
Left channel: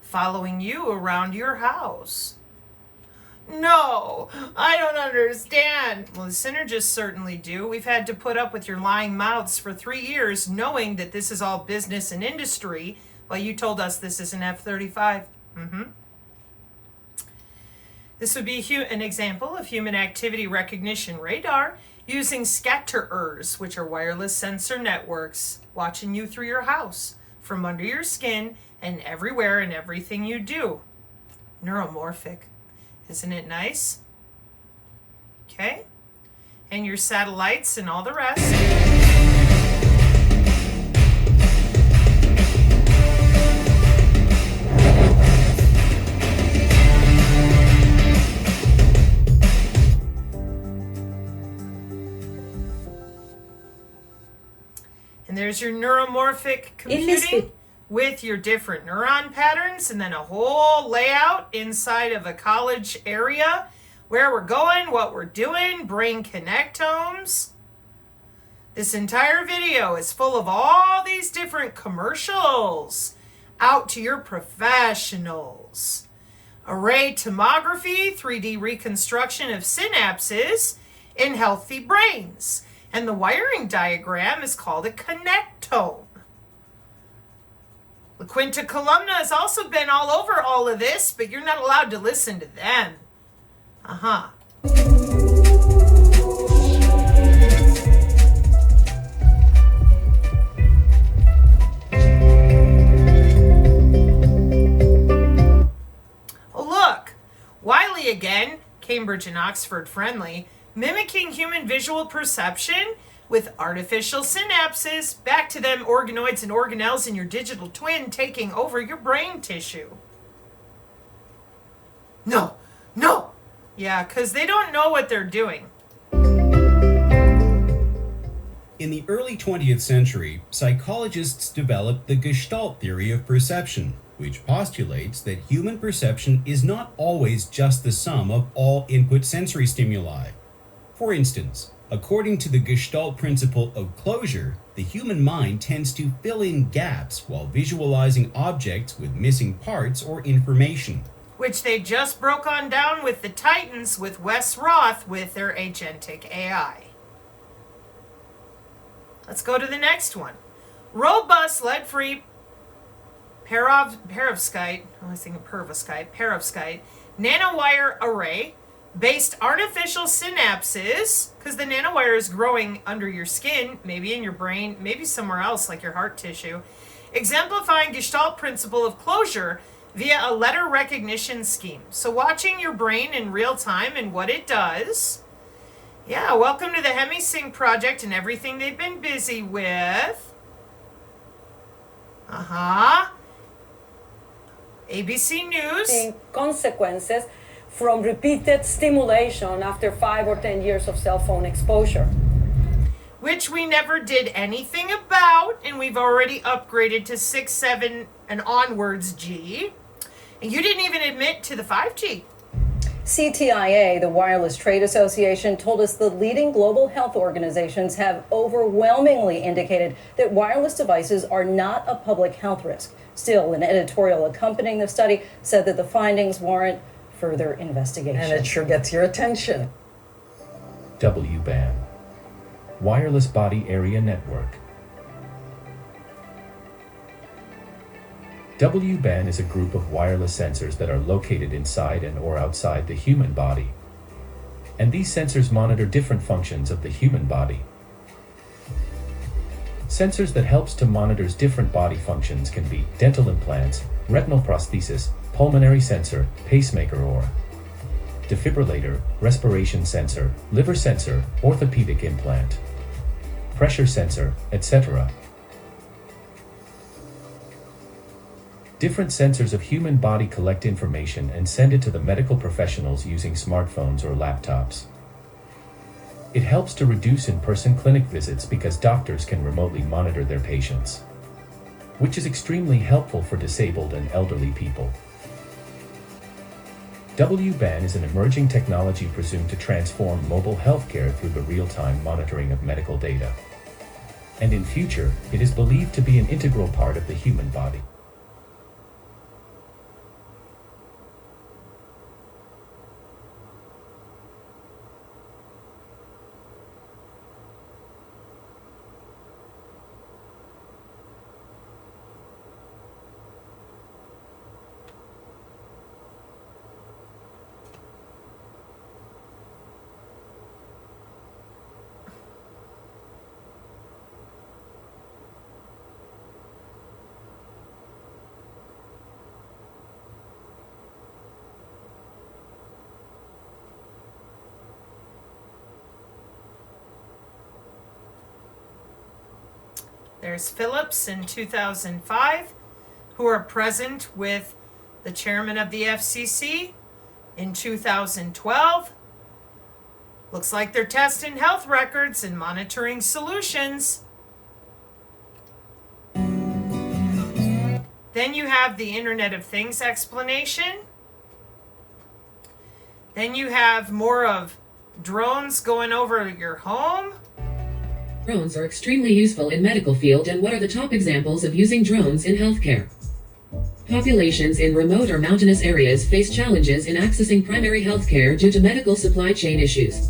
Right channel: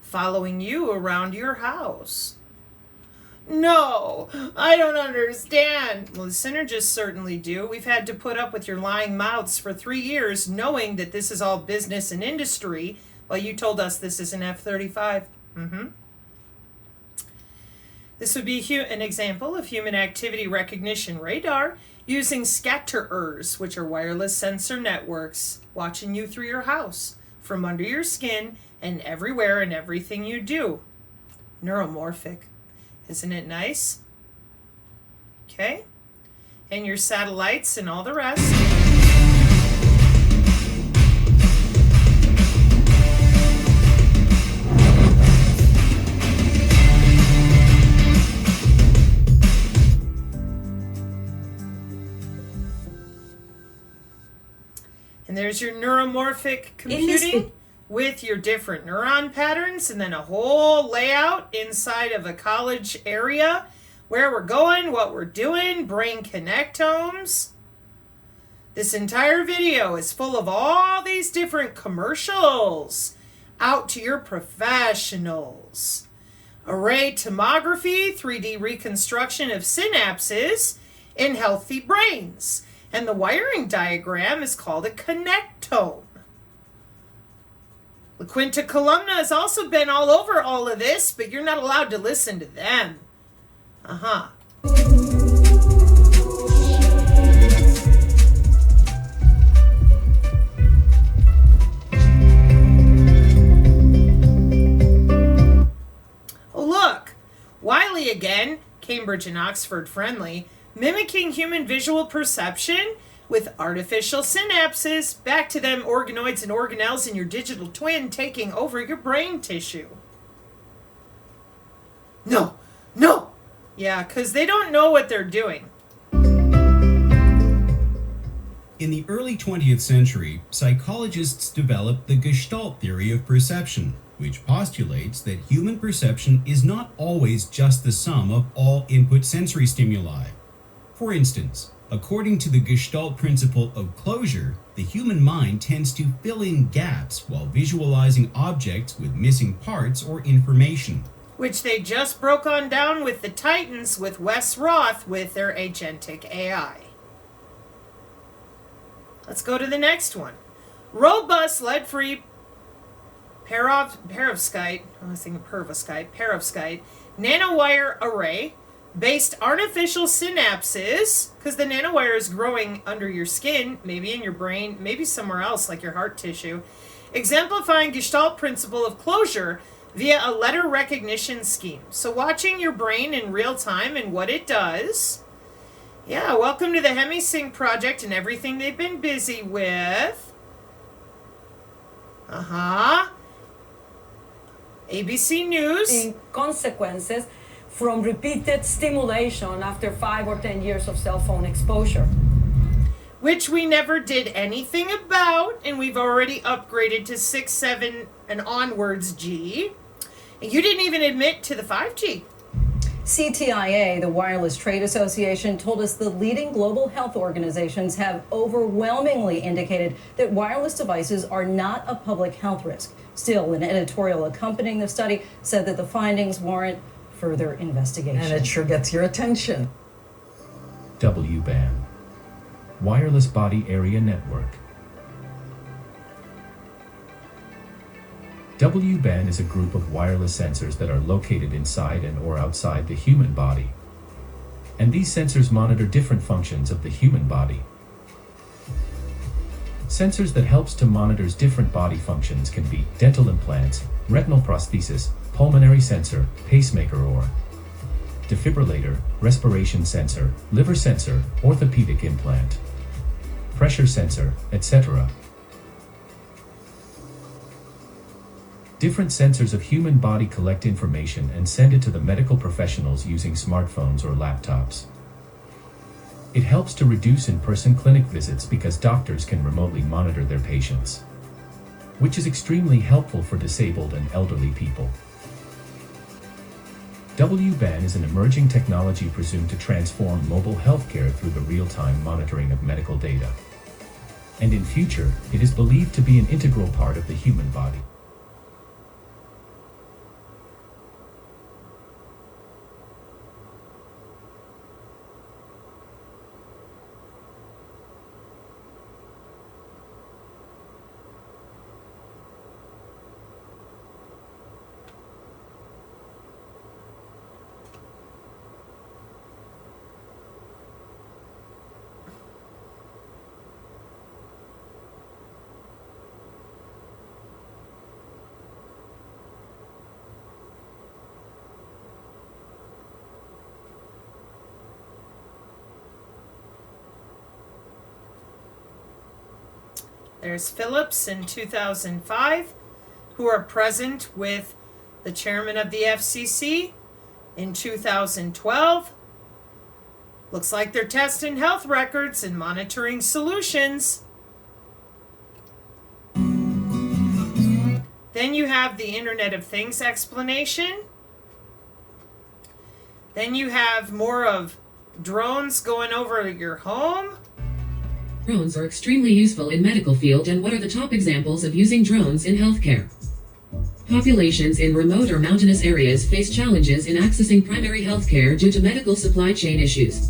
following you around your house. No, I don't understand. Well, the synergists certainly do. We've had to put up with your lying mouths for 3 years knowing that this is all business and industry while you told us this is an F-35. This would be an example of human activity recognition radar using scatterers, which are wireless sensor networks, watching you through your house, from under your skin and everywhere and everything you do. Neuromorphic. Isn't it nice? Okay. And your satellites and all the rest. And there's your neuromorphic computing with your different neuron patterns, and then a whole layout inside of a college area, where we're going, what we're doing, brain connectomes. This entire video is full of all these different commercials out to your professionals. Array tomography, 3D reconstruction of synapses in healthy brains. And the wiring diagram is called a connectome. La Quinta Columna has also been all over all of this, but you're not allowed to listen to them. Oh, look. Wiley again, Cambridge and Oxford friendly, mimicking human visual perception with artificial synapses, back to them organoids and organelles in your digital twin taking over your brain tissue. No. Yeah, because they don't know what they're doing. In the early 20th century, psychologists developed the Gestalt theory of perception, which postulates that human perception is not always just the sum of all input sensory stimuli. For instance, According to the Gestalt principle of closure, the human mind tends to fill in gaps while visualizing objects with missing parts or information. Which they just broke on down with the Titans with Wes Roth with their agentic AI. Let's go to the next one. Robust lead-free perovskite, I was thinking perovskite, nanowire array based artificial synapses, because the nanowire is growing under your skin, maybe in your brain, maybe somewhere else like your heart tissue, exemplifying Gestalt principle of closure via a letter recognition scheme. So watching your brain in real time and what it does. Yeah, welcome to the HemiSync project and everything they've been busy with. ABC News. In consequences from repeated stimulation after 5 or 10 years of cell phone exposure. Which we never did anything about, and we've already upgraded to 6, 7, and onwards G. And you didn't even admit to the 5G. CTIA, the Wireless Trade Association, told us the leading global health organizations have overwhelmingly indicated that wireless devices are not a public health risk. Still, an editorial accompanying the study said that the findings warrant further investigation. And it sure gets your attention. W-band, Wireless Body Area Network. W-band is a group of wireless sensors that are located inside and or outside the human body. And these sensors monitor different functions of the human body. Sensors that helps to monitors different body functions can be dental implants, retinal prosthesis, pulmonary sensor, pacemaker or defibrillator, respiration sensor, liver sensor, orthopedic implant, pressure sensor, etc. Different sensors of human body collect information and send it to the medical professionals using smartphones or laptops. It helps to reduce in-person clinic visits because doctors can remotely monitor their patients, which is extremely helpful for disabled and elderly people. W-band is an emerging technology presumed to transform mobile healthcare through the real-time monitoring of medical data. And in future, it is believed to be an integral part of the human body. There's Phillips in 2005, who are present with the chairman of the FCC in 2012. Looks like they're testing health records and monitoring solutions. Then you have the Internet of Things explanation. Then you have more of drones going over your home. Drones are extremely useful in medical field, and what are the top examples of using drones in healthcare? Populations in remote or mountainous areas face challenges in accessing primary healthcare due to medical supply chain issues.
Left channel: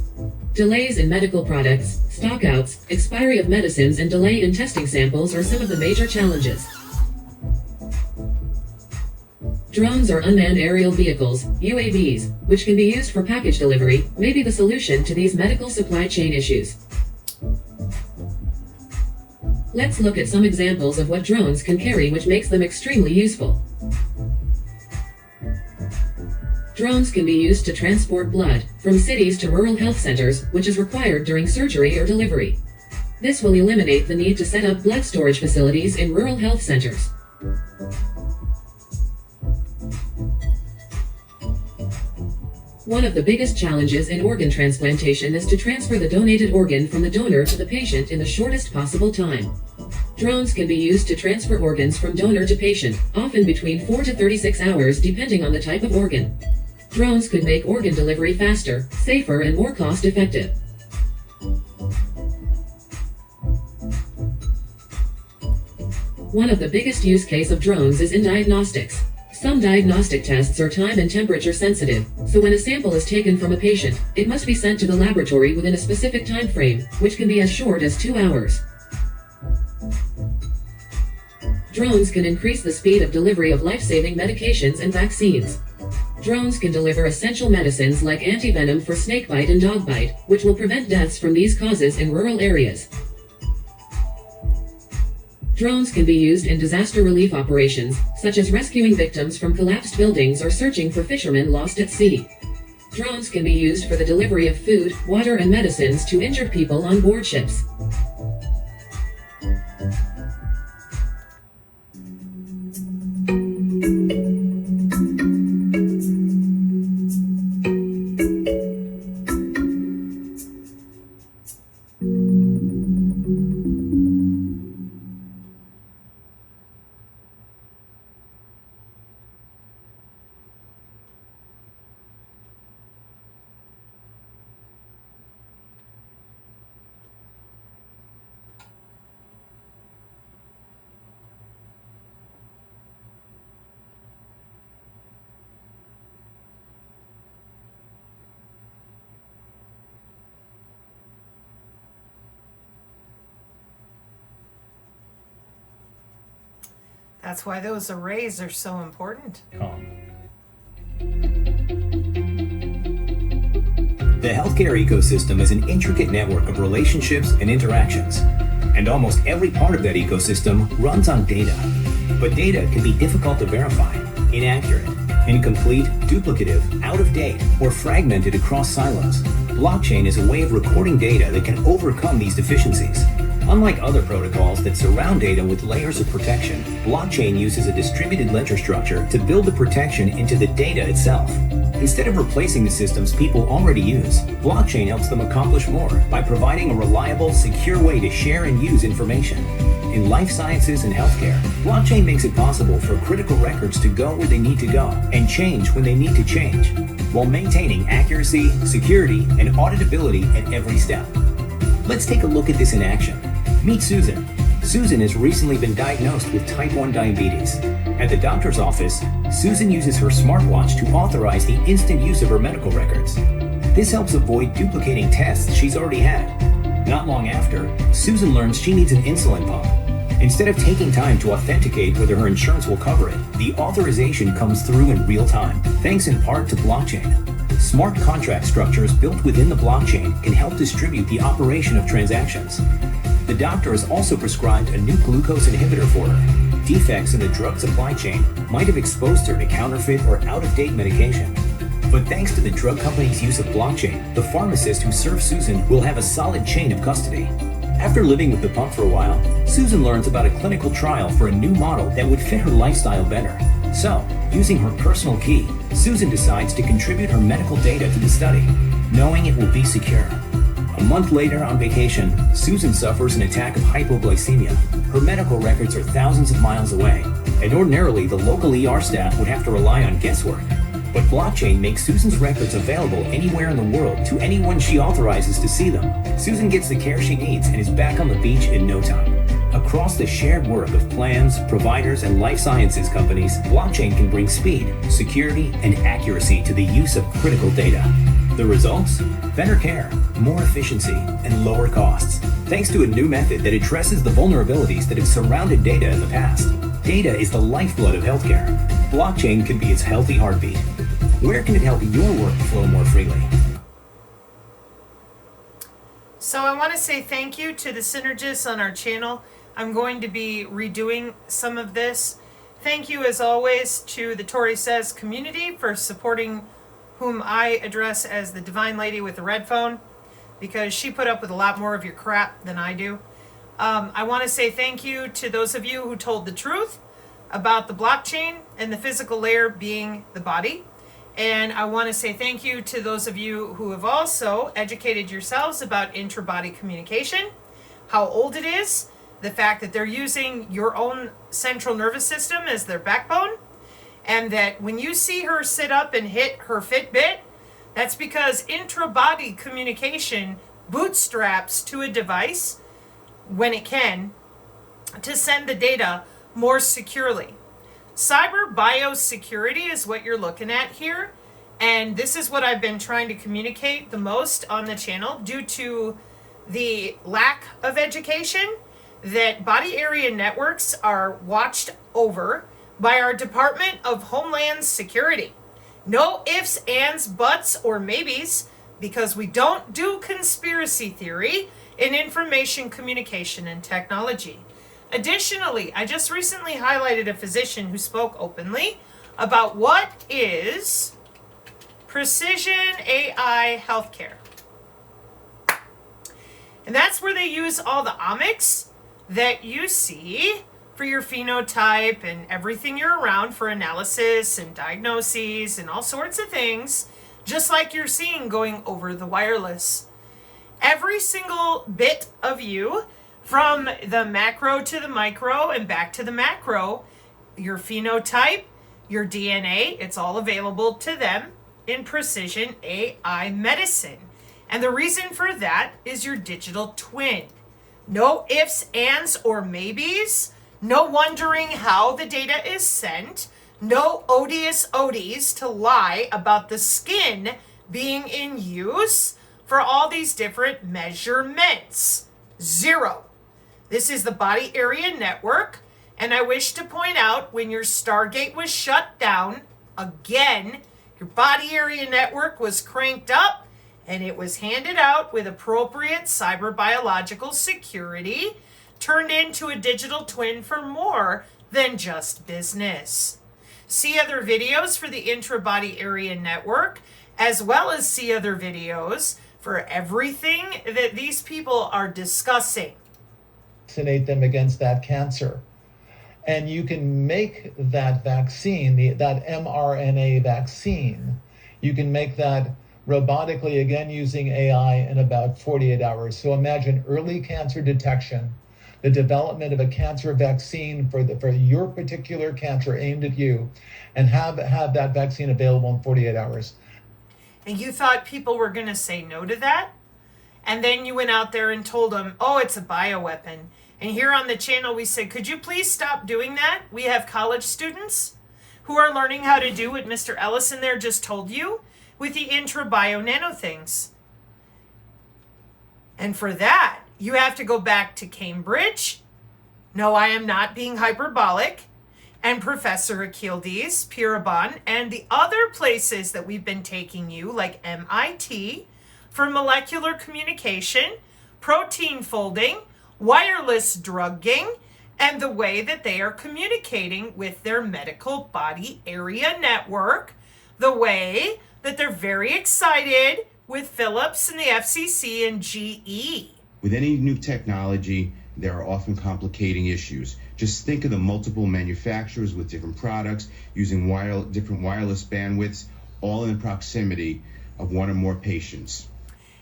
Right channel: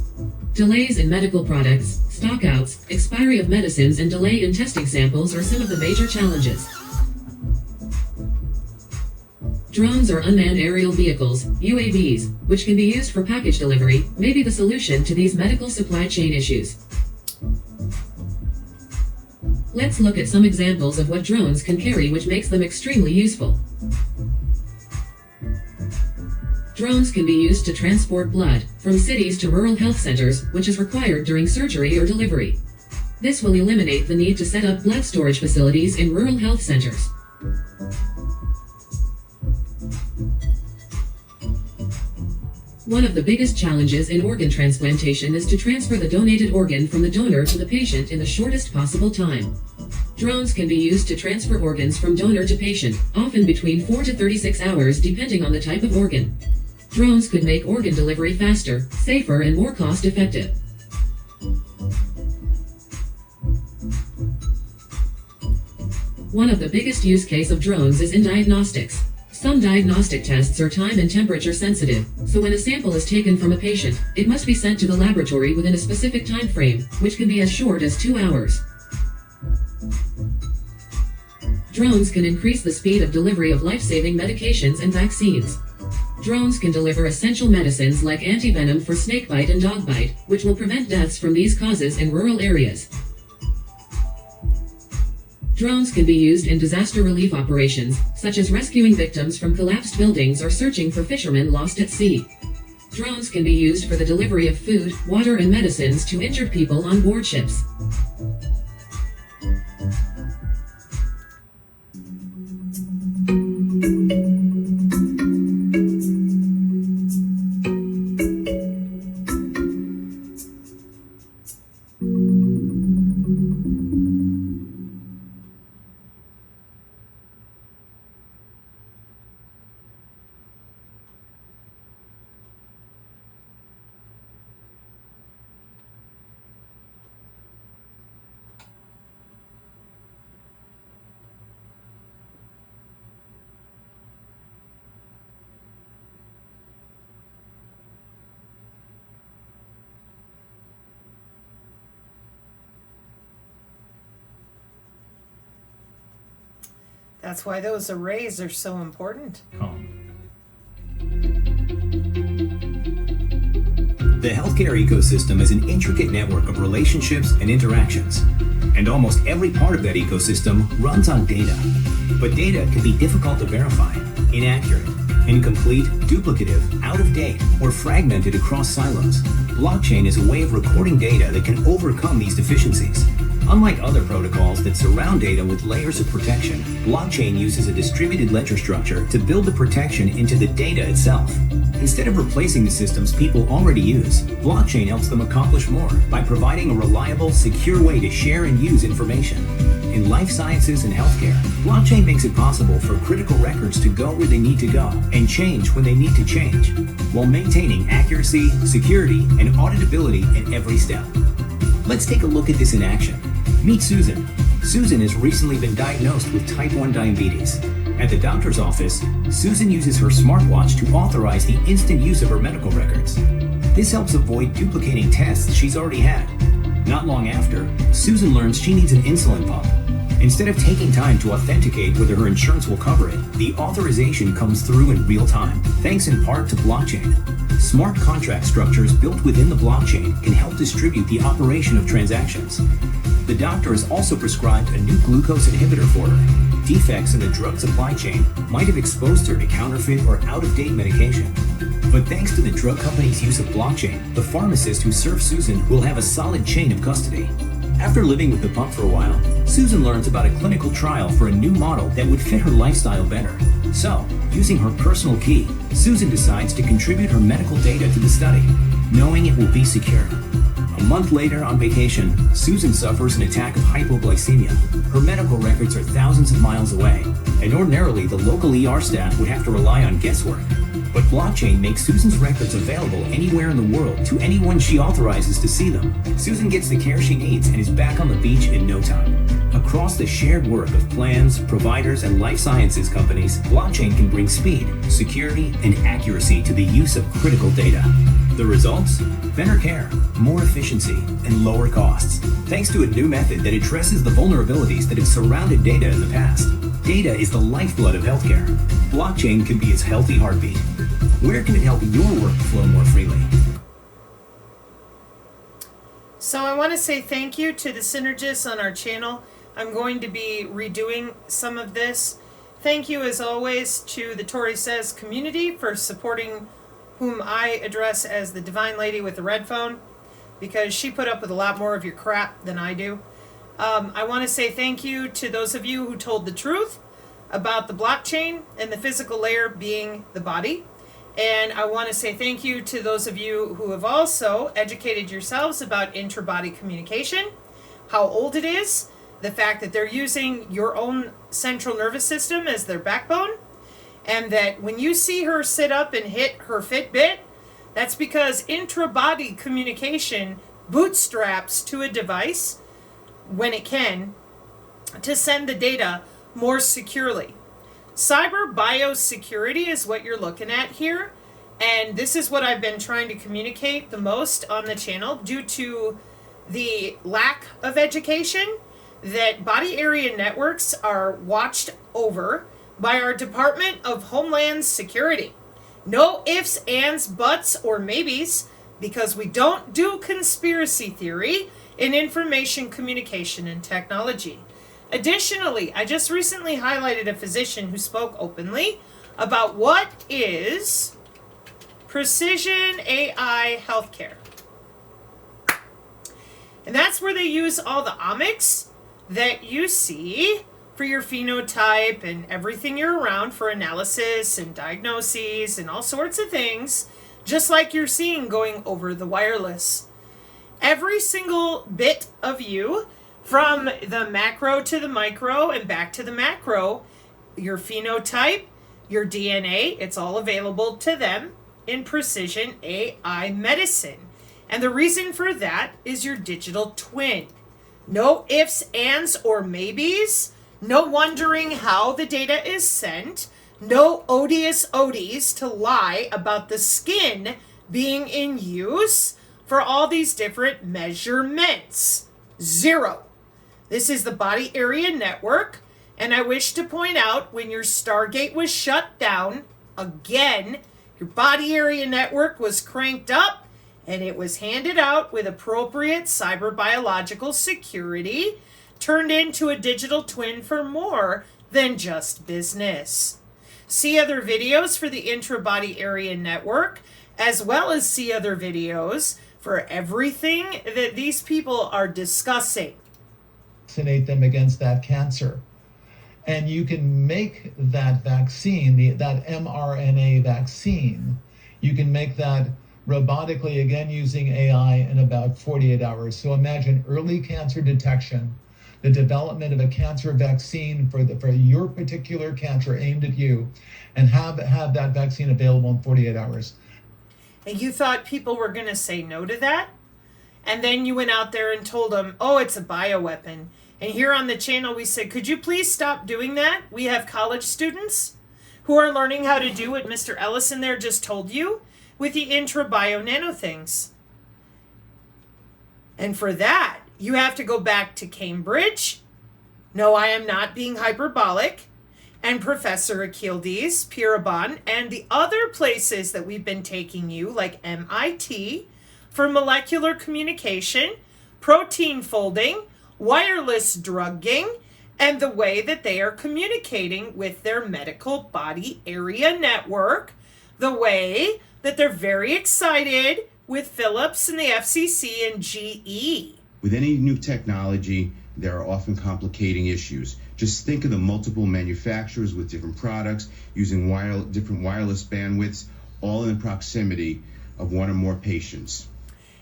Delays in medical products, stockouts, expiry of medicines, and delay in testing samples are some of the major challenges. Drones or unmanned aerial vehicles, UAVs, which can be used for package delivery, may be the solution to these medical supply chain issues. Let's look at some examples of what drones can carry, which makes them extremely useful. Drones can be used to transport blood from cities to rural health centers, which is required during surgery or delivery. This will eliminate the need to set up blood storage facilities in rural health centers. One of the biggest challenges in organ transplantation is to transfer the donated organ from the donor to the patient in the shortest possible time. Drones can be used to transfer organs from donor to patient, often between 4 to 36 hours depending on the type of organ. Drones could make organ delivery faster, safer, and more cost-effective. One of the biggest use case of drones is in diagnostics. Some diagnostic tests are time and temperature sensitive, so when a sample is taken from a patient, it must be sent to the laboratory within a specific time frame, which can be as short as 2 hours. Drones can increase the speed of delivery of life-saving medications and vaccines. Drones can deliver essential medicines like antivenom for snakebite and dogbite, which will prevent deaths from these causes in rural areas. Drones can be used in disaster relief operations, such as rescuing victims from collapsed buildings or searching for fishermen lost at sea. Drones can be used for the delivery of food, water, and medicines to injured people on board ships. That's why those arrays are so important. The healthcare ecosystem is an intricate network of relationships and interactions, and almost every part of that ecosystem runs on data. But data can be difficult to verify, inaccurate, incomplete, duplicative, out of date, or fragmented across silos. Blockchain is a way of recording data that can overcome these deficiencies. Unlike other protocols that surround data with layers of protection, blockchain uses a distributed ledger structure to build the protection into the data itself. Instead of replacing the systems people already use, blockchain helps them accomplish more by providing a reliable, secure way to share and use information. In life sciences and healthcare, blockchain makes it possible for critical records to go where they need to go and change when they need to change, while maintaining accuracy, security, and auditability at every step. Let's take a look at this in action. Meet Susan. Susan has recently been diagnosed with type 1 diabetes. At the doctor's office, Susan uses her smartwatch to authorize the instant use of her medical records. This helps avoid duplicating tests she's already had. Not long after, Susan learns she needs an insulin pump. Instead of taking time to authenticate whether her insurance will cover it, the authorization comes through in real time, thanks in part to blockchain. Smart contract structures built within the blockchain can help distribute the operation of transactions. The doctor has also prescribed a new glucose inhibitor for her. Defects in the drug supply chain might have exposed her to counterfeit or out-of-date medication. But thanks to the drug company's use of blockchain, the pharmacist who serves Susan will have a solid chain of custody. After living with the pump for a while, Susan learns about a clinical trial for a new model that would fit her lifestyle better. So, using her personal key, Susan decides to contribute her medical data to the study, knowing it will be secure. A month later on vacation, Susan suffers an attack of hypoglycemia. Her medical records are thousands of miles away, and ordinarily the local ER staff would have to rely on guesswork. But blockchain makes Susan's records available anywhere in the world to anyone she authorizes to see them. Susan gets the care she needs and is back on the beach in no time. Across the shared work of plans, providers, and life sciences companies, blockchain can bring speed, security, and accuracy to the use of critical data. The results? Better care, more efficiency, and lower costs, thanks to a new method that addresses the vulnerabilities that have surrounded data in the past. Data is the lifeblood of healthcare. Blockchain can be its healthy heartbeat. Where can it help your work flow more freely? So I want to say thank you to the synergists on our channel. I'm going to be redoing some of this. Thank you, as always, to the Tori Says community for supporting whom I address as the Divine Lady with the red phone, because she put up with a lot more of your crap than I do. I want to say thank you to those of you who told the truth about the blockchain and the physical layer being the body. And I want to say thank you to those of you who have also educated yourselves about intra-body communication, how old it is, the fact that they're using your own central nervous system as their backbone, and that when you see her sit up and hit her Fitbit, that's because intra-body communication bootstraps to a device when it can to send the data more securely. Cyber biosecurity is what you're looking at here, and this is what I've been trying to communicate the most on the channel due to the lack of education, that body area networks are watched over by our Department of Homeland Security. No ifs, ands, buts, or maybes, because we don't do conspiracy theory in information communication and technology. Additionally, I just recently highlighted a physician who spoke openly about what is precision AI healthcare. And that's where they use all the omics that you see for your phenotype and everything you're around for analysis and diagnoses and all sorts of things, just like you're seeing going over the wireless. Every single bit of you, from the macro to the micro and back to the macro, your phenotype, your DNA, it's all available to them in precision AI medicine. And the reason for that is your digital twin. No ifs, ands, or maybes. No wondering how the data is sent. No odious odies to lie about the skin being in use for all these different measurements. Zero. This is the body area network. And I wish to point out, when your Stargate was shut down, again, your body area network was cranked up and it was handed out with appropriate cyber biological security, turned into a digital twin for more than just business. See other videos for the intra-body area network, as well as see other videos for everything that these people are discussing. Vaccinate them against that cancer. And you can make that vaccine, that mRNA vaccine, you can make that robotically, again using AI, in about 48 hours. So imagine early cancer detection, the development of a cancer vaccine for your particular cancer aimed at you, and have that vaccine available in 48 hours. And you thought people were going to say no to that? And then you went out there and told them, oh, it's a bioweapon. And here on the channel we said, could you please stop doing that? We have college students who are learning how to do what Mr. Ellison there just told you with the intra-bio nano things. And for that, you have to go back to Cambridge. No, I am not being hyperbolic. And Professor Achildes, Pirabon, and the other places that we've been taking you, like MIT, for molecular communication, protein folding, wireless drugging, and the way that they are communicating with their medical body area network, the way that they're very excited with Philips and the FCC and GE. With any new technology, there are often complicating issues. Just think of the multiple manufacturers with different products using different wireless bandwidths, all in proximity of one or more patients.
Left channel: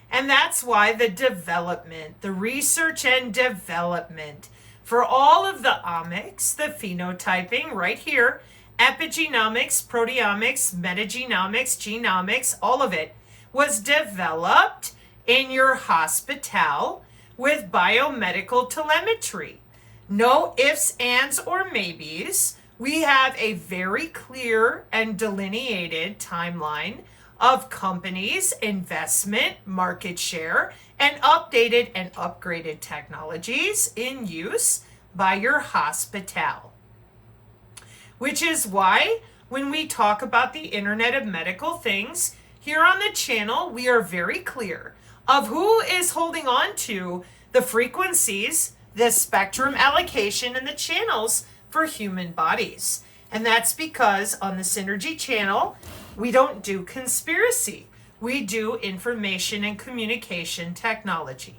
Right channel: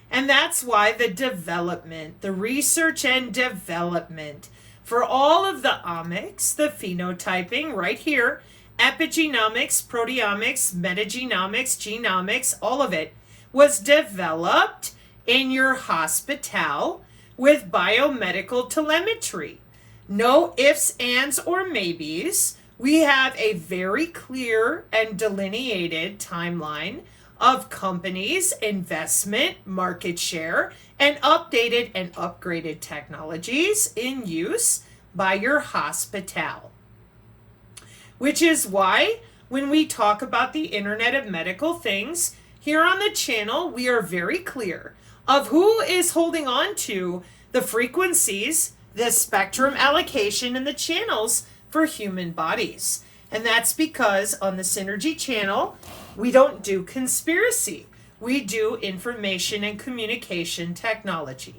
And that's why the development, the research and development for all of the omics, the phenotyping right here, epigenomics, proteomics, metagenomics, genomics, all of it was developed in your hospital with biomedical telemetry. No ifs, ands, or maybes. We have a very clear and delineated timeline of companies, investment, market share, and updated and upgraded technologies in use by your hospital. Which is why when we talk about the Internet of Medical Things, here on the channel, we are very clear of who is holding on to the frequencies, the spectrum allocation, and the channels for human bodies. And that's because on the Synergy channel, we don't do conspiracy. We do information and communication technology.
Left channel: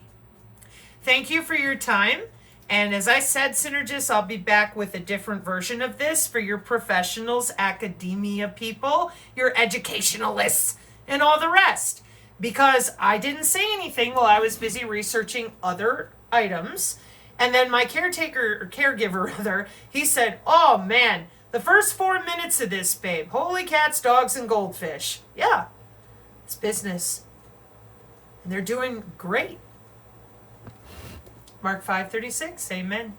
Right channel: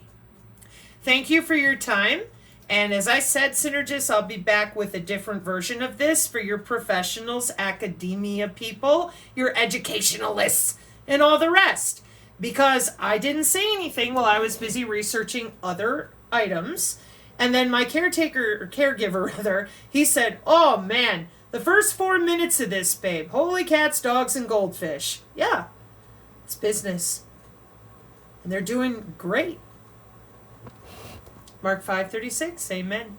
Thank you for your time. And as I said, Synergists, I'll be back with a different version of this for your professionals, academia people, your educationalists, and all the rest. Because I didn't say anything while I was busy researching other items. And then my caretaker, or caregiver rather, he said, oh man, the first 4 minutes of this, babe, holy cats, dogs, and goldfish. Yeah, it's business. And they're doing great. Mark 5:36, amen.